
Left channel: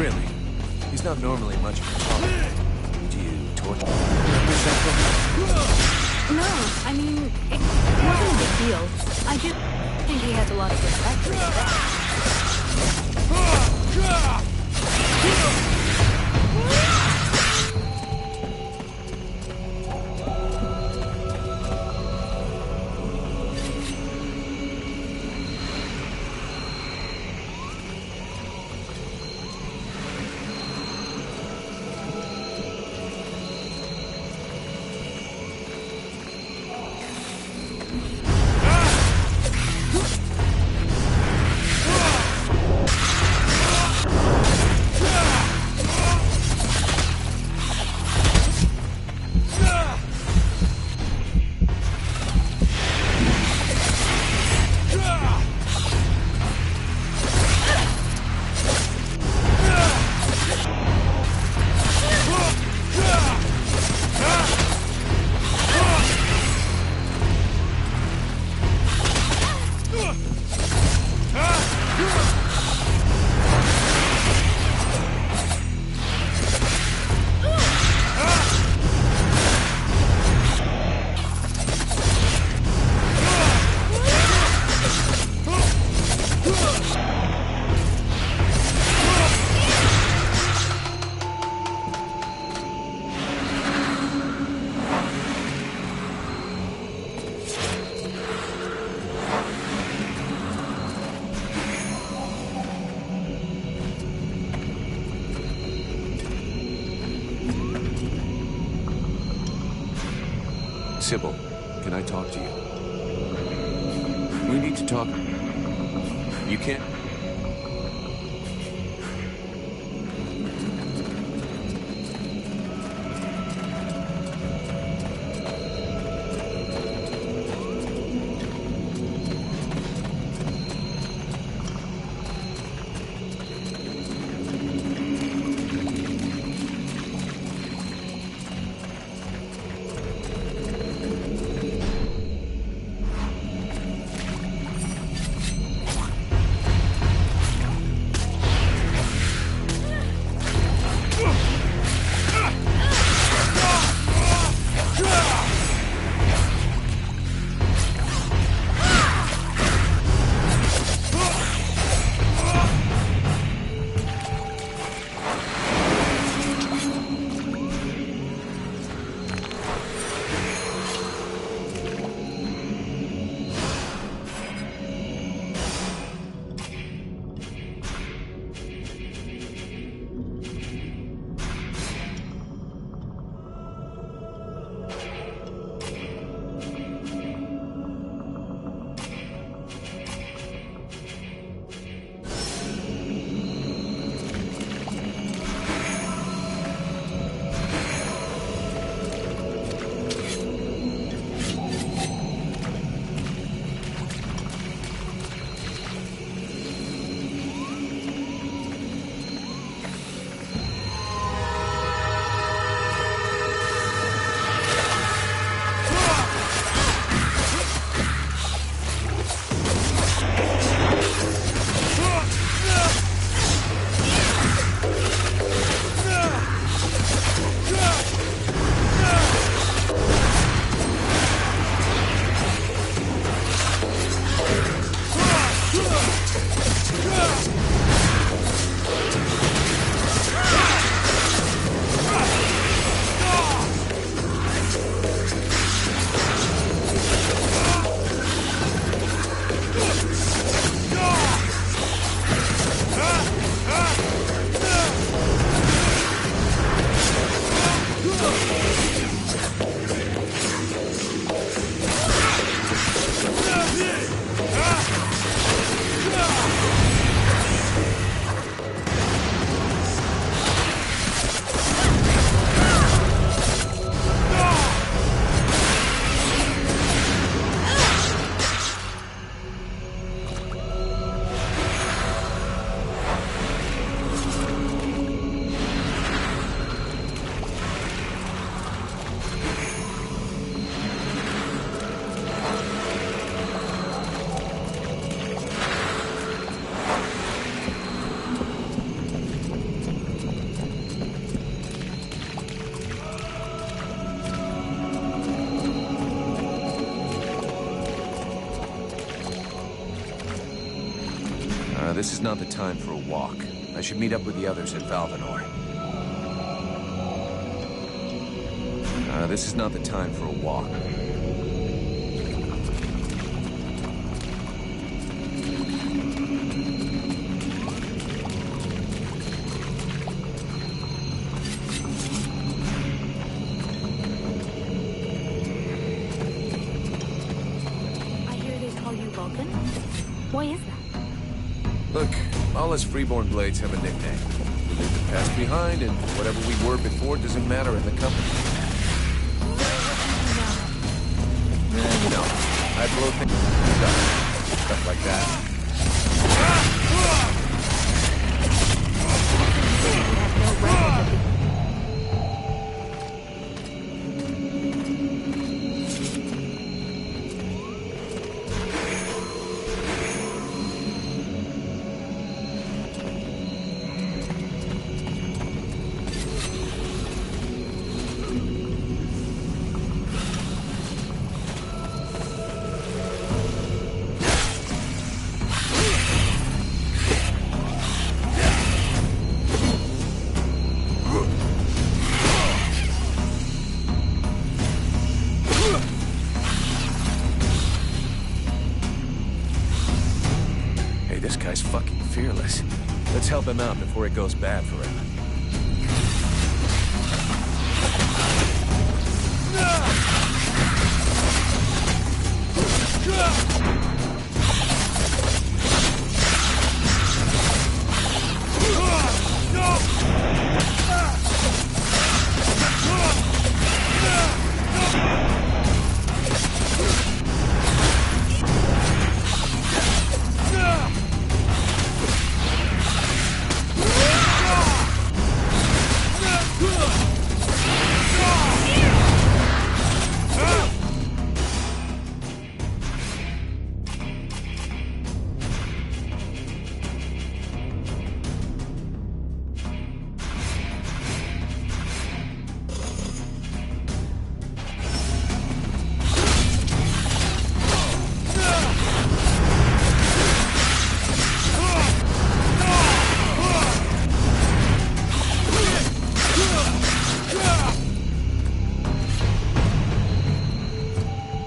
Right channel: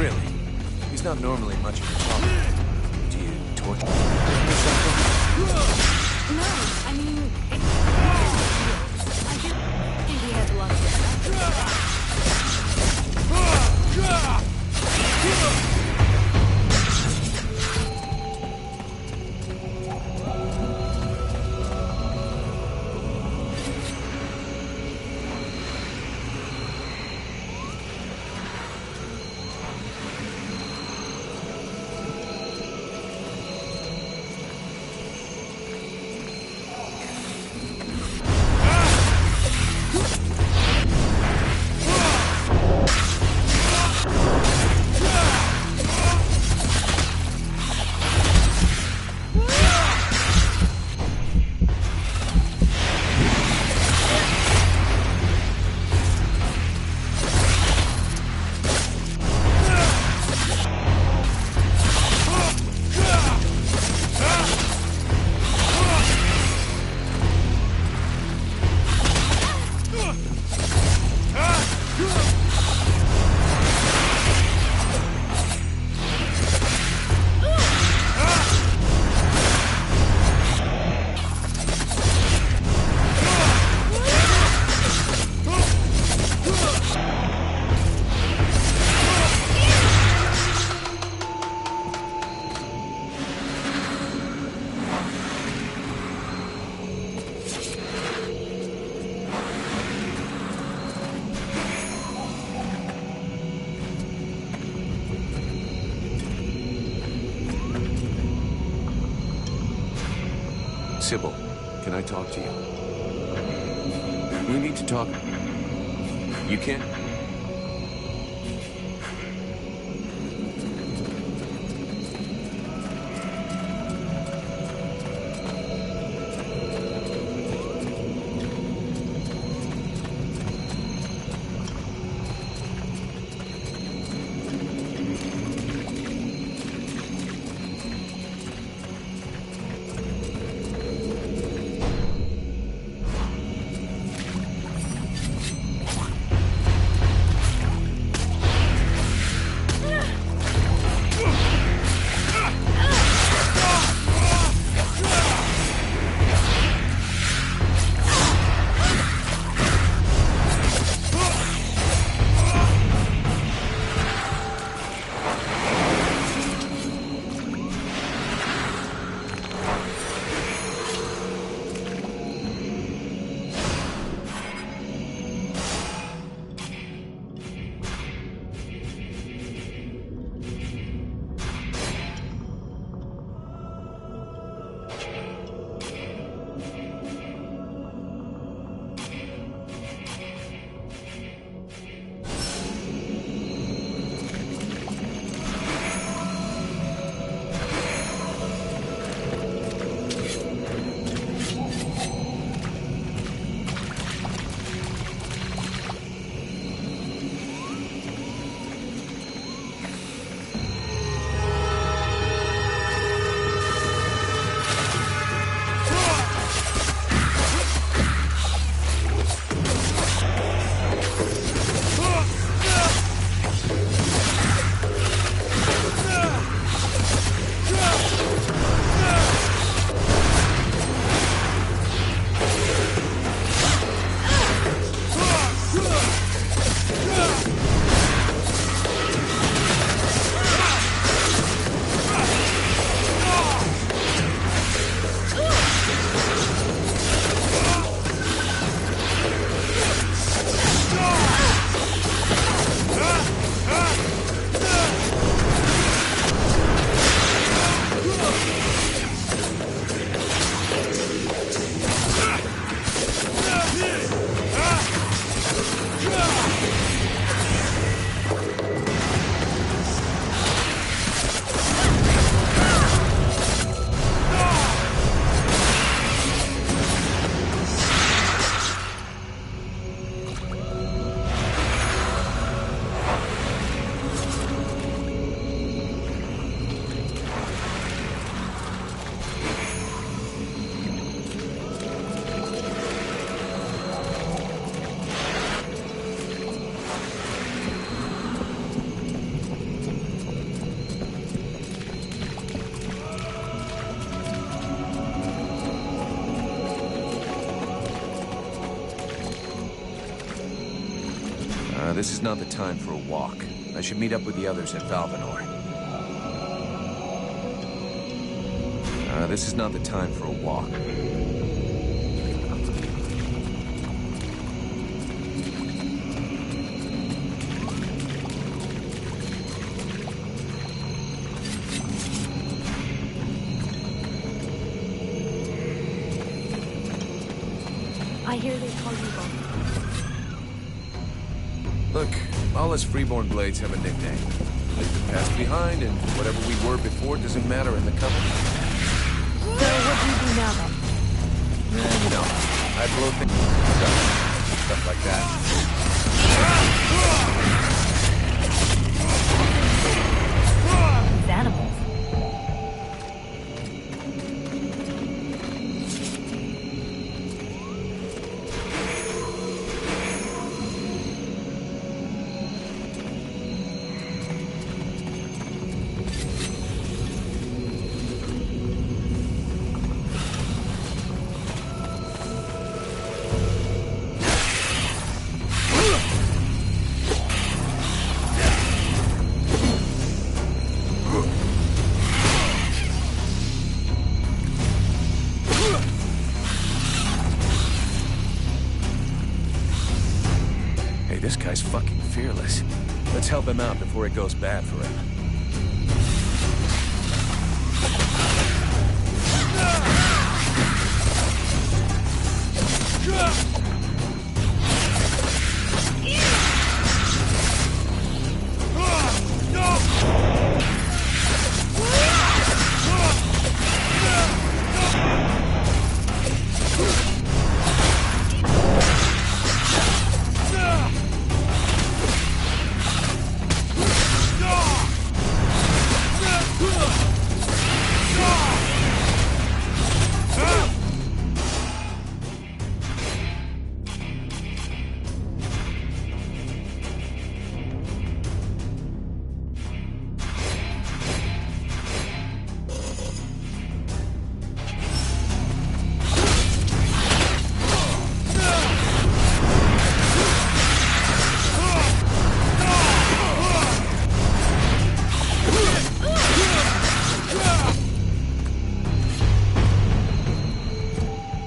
Really? He's not normally much of a talker. Did you torture him or something? No, I mean, it wasn't a big deal. I just think he has a lot of respect for me. Sybil, can I talk to you? We need to talk. You can't... This is not the time for a walk. I should meet up with the others at Valvanor. This is not the time for a walk. I hear they call you Vulcan. Why is that? Look, all us freeborn blades have a nickname. We leave the past behind, and whatever we were before doesn't matter in the company. So what do you do now then? You know, I blow things stuff like that. These animals. This guy's fucking fearless. Let's help him out before it goes bad for him.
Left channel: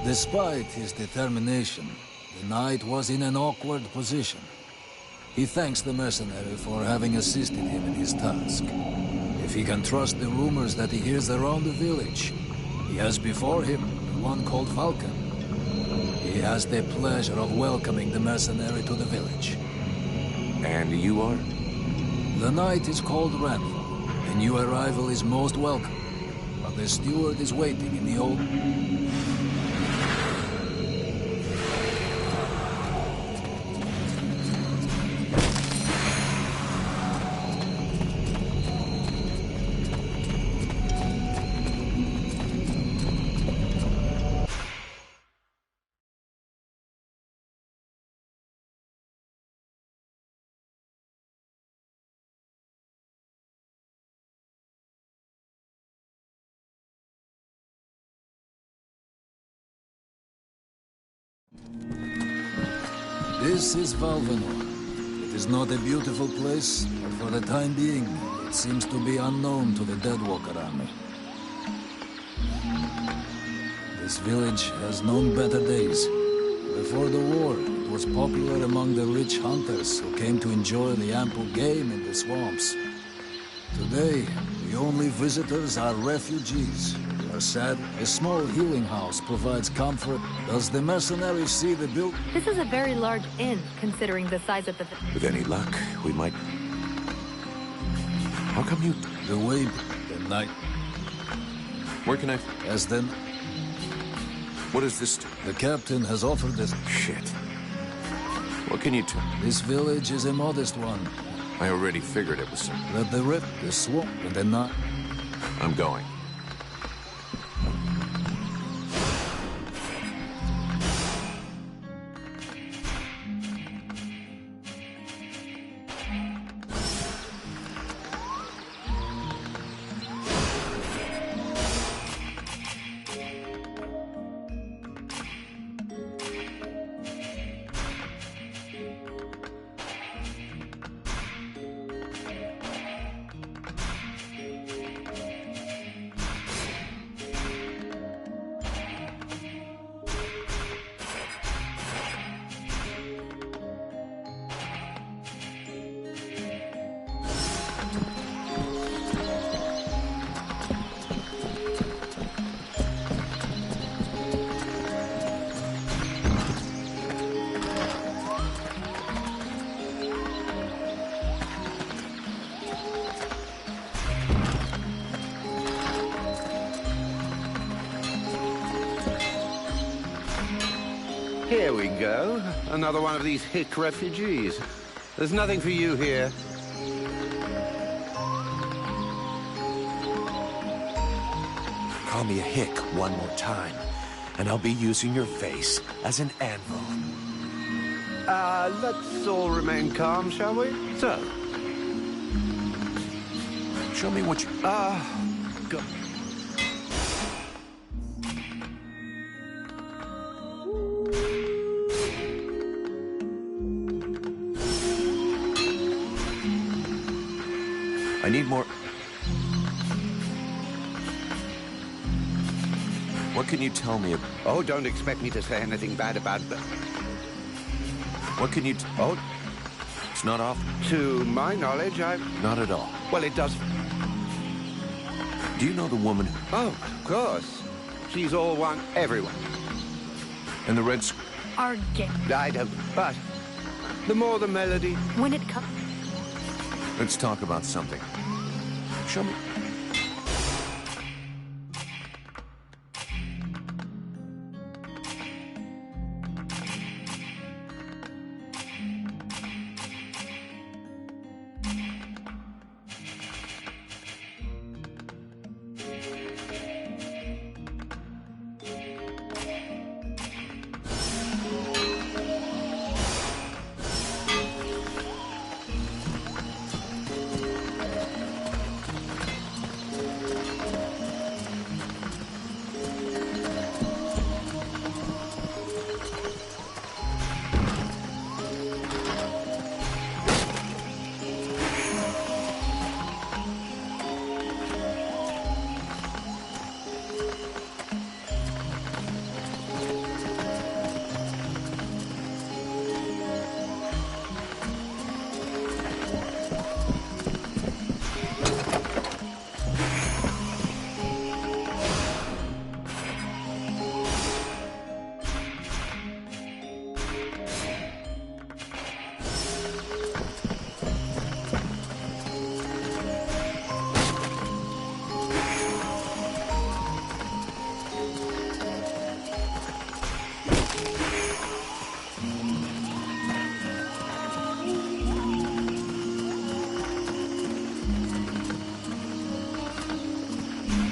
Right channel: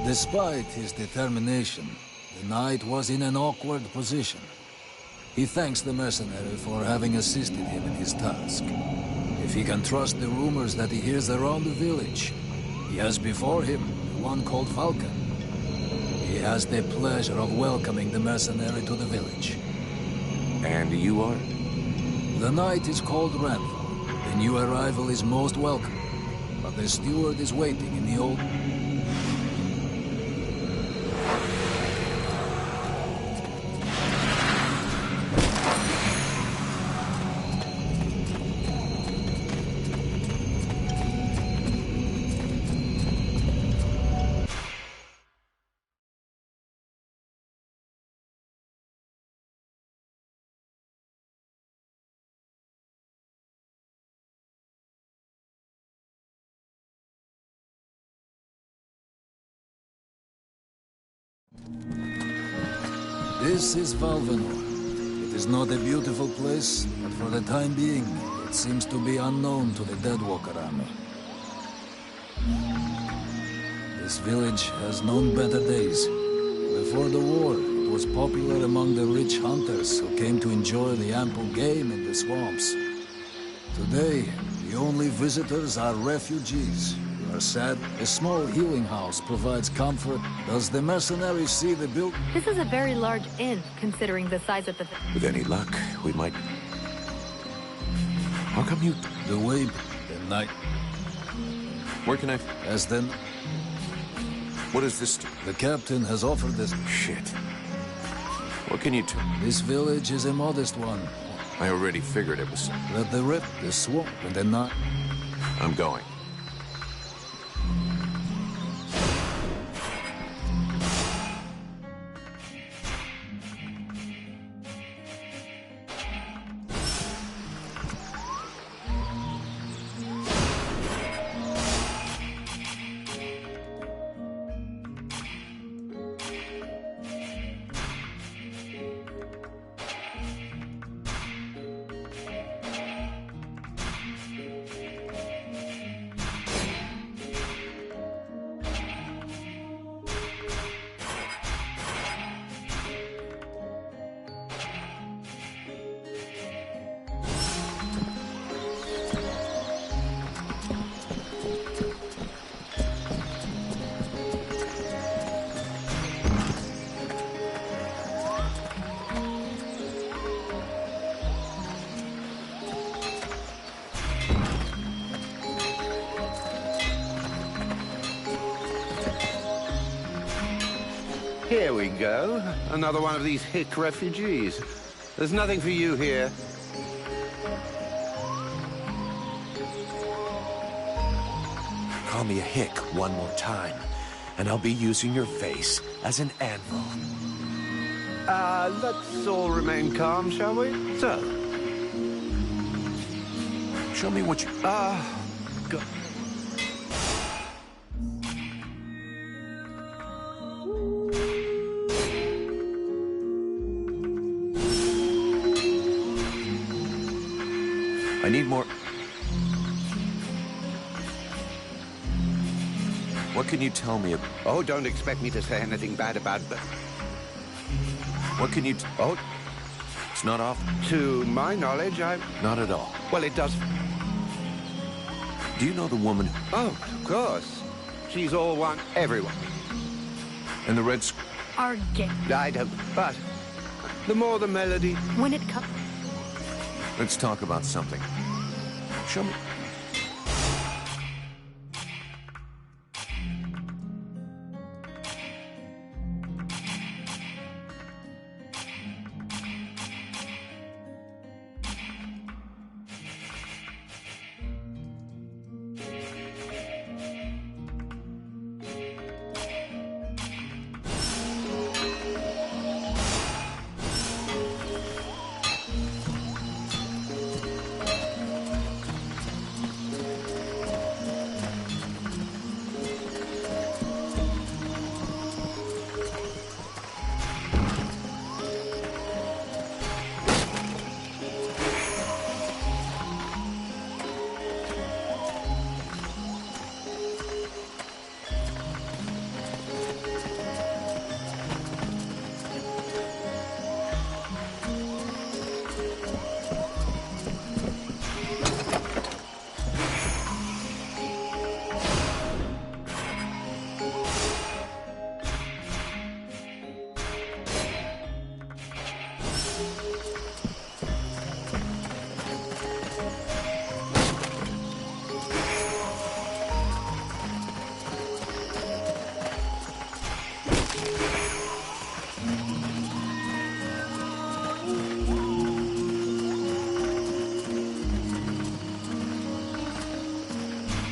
Despite his determination, the knight was in an awkward position. He thanks the mercenary for having assisted him in his task. If he can trust the rumors that he hears around the village, he has before him one called Vulcan. He has the pleasure of welcoming the mercenary to the village. And you are? The knight is called Randall. The new arrival is most welcome, but the steward is waiting in the old... This is Valvanor. It is not a beautiful place, but for the time being, it seems to be unknown to the Deadwalker army. This village has known better days. Before the war, it was popular among the rich hunters who came to enjoy the ample game in the swamps. Today, the only visitors are refugees. Are sad. A small healing house provides comfort. Does the mercenary see the build? This is a very large inn, considering the size of the... With any luck, we might... How come you... The way... The night... Where can I... As then... What is this? The captain has offered us... Shit. What can you do? This village is a modest one. I already figured it was... That the rip, the swamp, and the night... I'm going. Here we go. Another one of these hick refugees. There's nothing for you here. Call me a hick one more time, and I'll be using your face as an anvil. Let's all remain calm, shall we? So. Show me what you... Go. I need more... What can you tell me about... Oh, don't expect me to say anything bad about the... What can you... Oh, it's not off? to my knowledge, Not at all. Well, it does... Do you know the woman... Oh, of course. She's all one... everyone. And the red... Are gay. I don't... But... the more the melody... When it comes... Let's talk about something. Show me...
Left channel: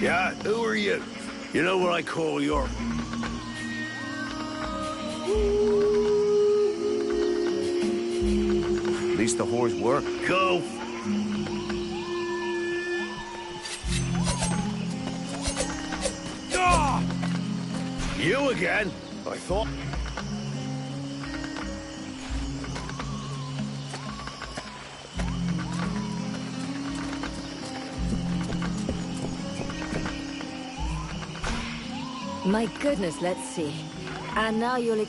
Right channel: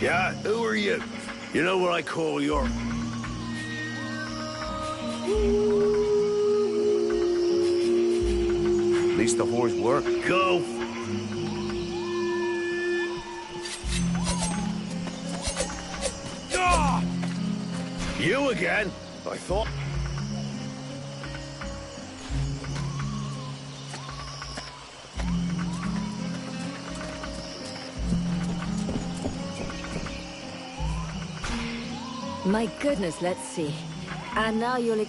Yeah, who are you? You know what I call your... At least the whores work. Go. Ah! You again? I thought... My goodness, let's see. And now you'll...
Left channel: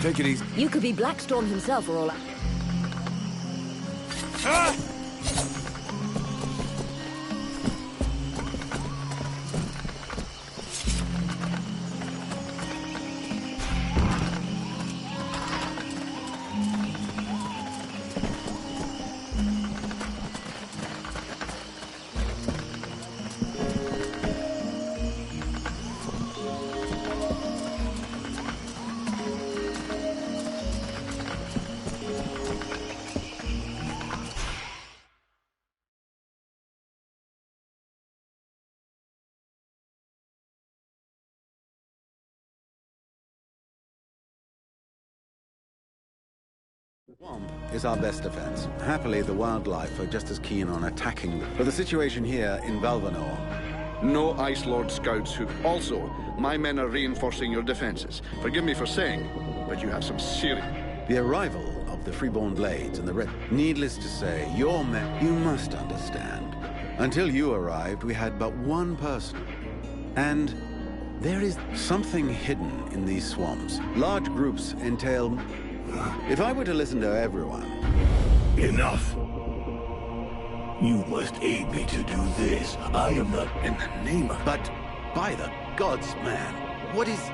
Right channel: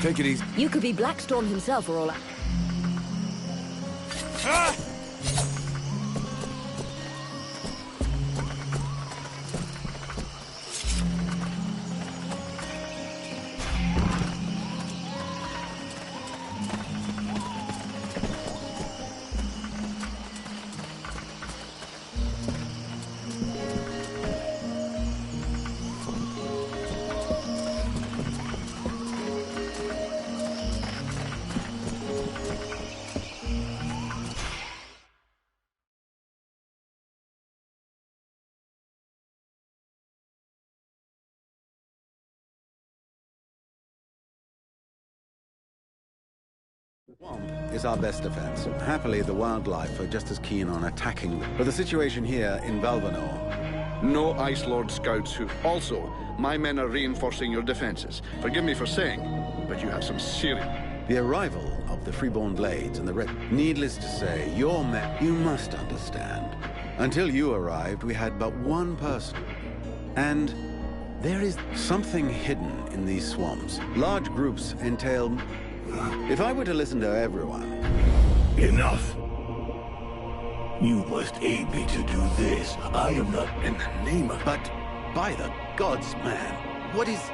Take it easy. You could be Blackstorm himself for all I... Ah! The swamp is our best defense. Happily, the wildlife are just as keen on attacking them. But the situation here in Valvanor... No Ice Lord scouts who... Also, my men are reinforcing your defenses. Forgive me for saying, but you have some serious... The arrival of the Freeborn Blades and the Red... Needless to say, your men... You must understand. Until you arrived, we had but one person. And there is something hidden in these swamps. Large groups entail... If I were to listen to everyone... Enough. You must aid me to do this. I am not... In the name of... But, by the gods, man, what is...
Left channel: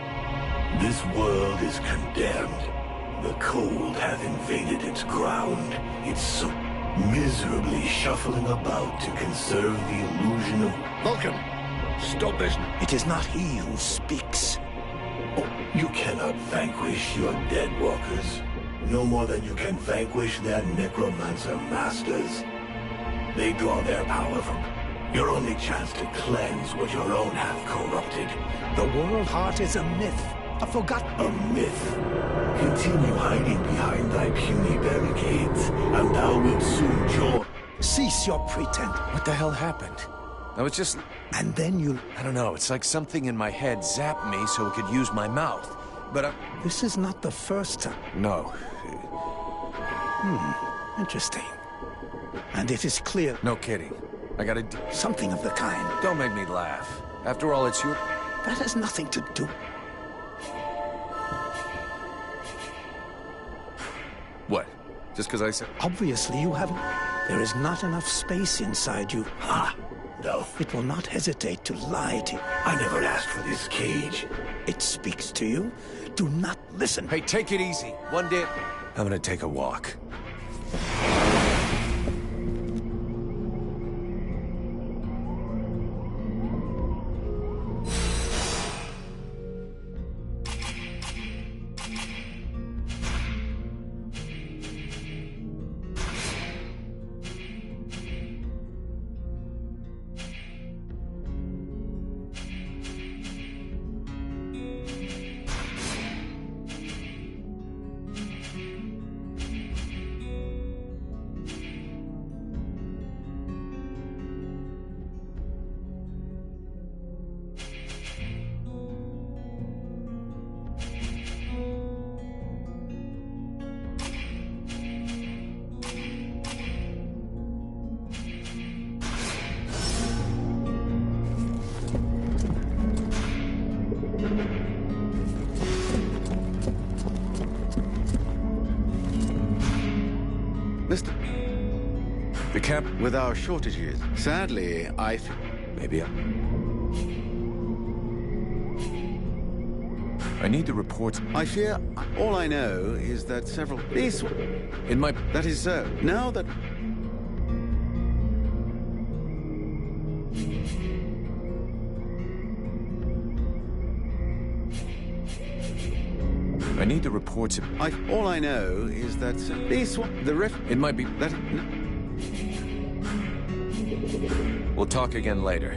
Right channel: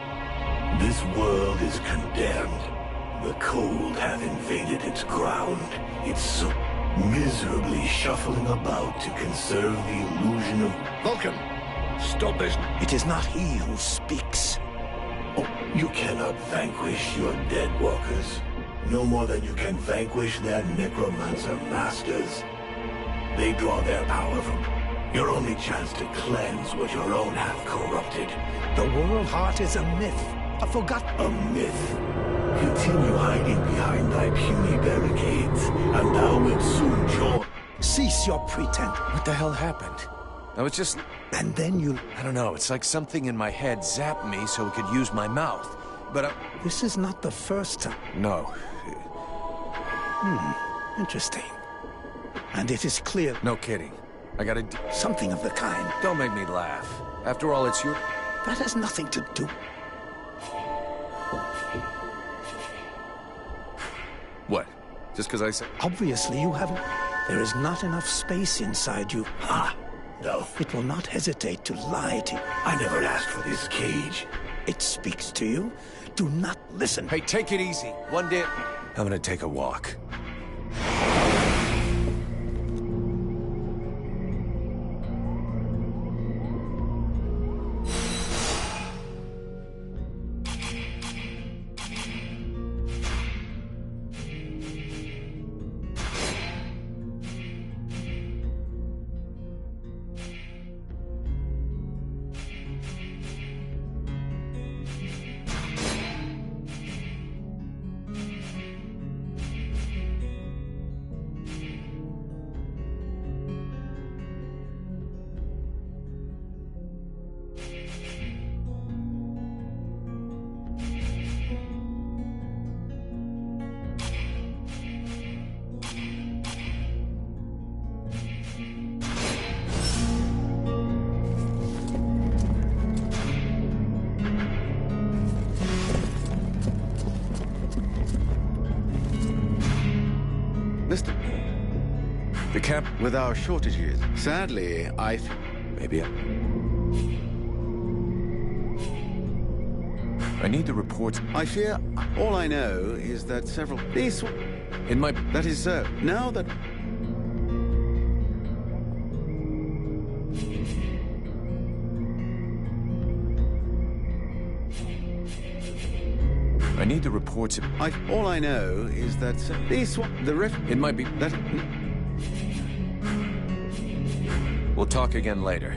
This world is condemned. The cold hath invaded its ground. It's so miserably shuffling about to conserve the illusion of... Vulcan! Stop this! It is not he who speaks. Oh, You cannot vanquish your dead walkers, no more than you can vanquish their necromancer masters. They draw their power from your only chance to cleanse what your own have corrupted. The World Heart is a myth, a forgotten... A myth. Continue hiding behind thy puny barricades, and thou wilt soon join. Cease your pretense. What the hell happened? I was just... And then you... I don't know, it's like something in my head zapped me so it could use my mouth. But This is not the first time. No. Interesting. And it is clear... No kidding. I gotta... Something of the kind. Don't make me laugh. After all, it's your... That has nothing to do... What? Just because I said... Obviously you haven't... There is not enough space inside you. Ha! No. It will not hesitate to lie to you. I never asked for this cage. It speaks to you. Do not listen. Hey, take it easy. One day... I'm gonna take a walk. Mr. The camp... With our shortages, sadly, Maybe I need the reports. I fear... All I know is that several... These... In my... That is so. Now that... I need the reports of... All I know is that these... The ref... It might be... That... We'll talk again later.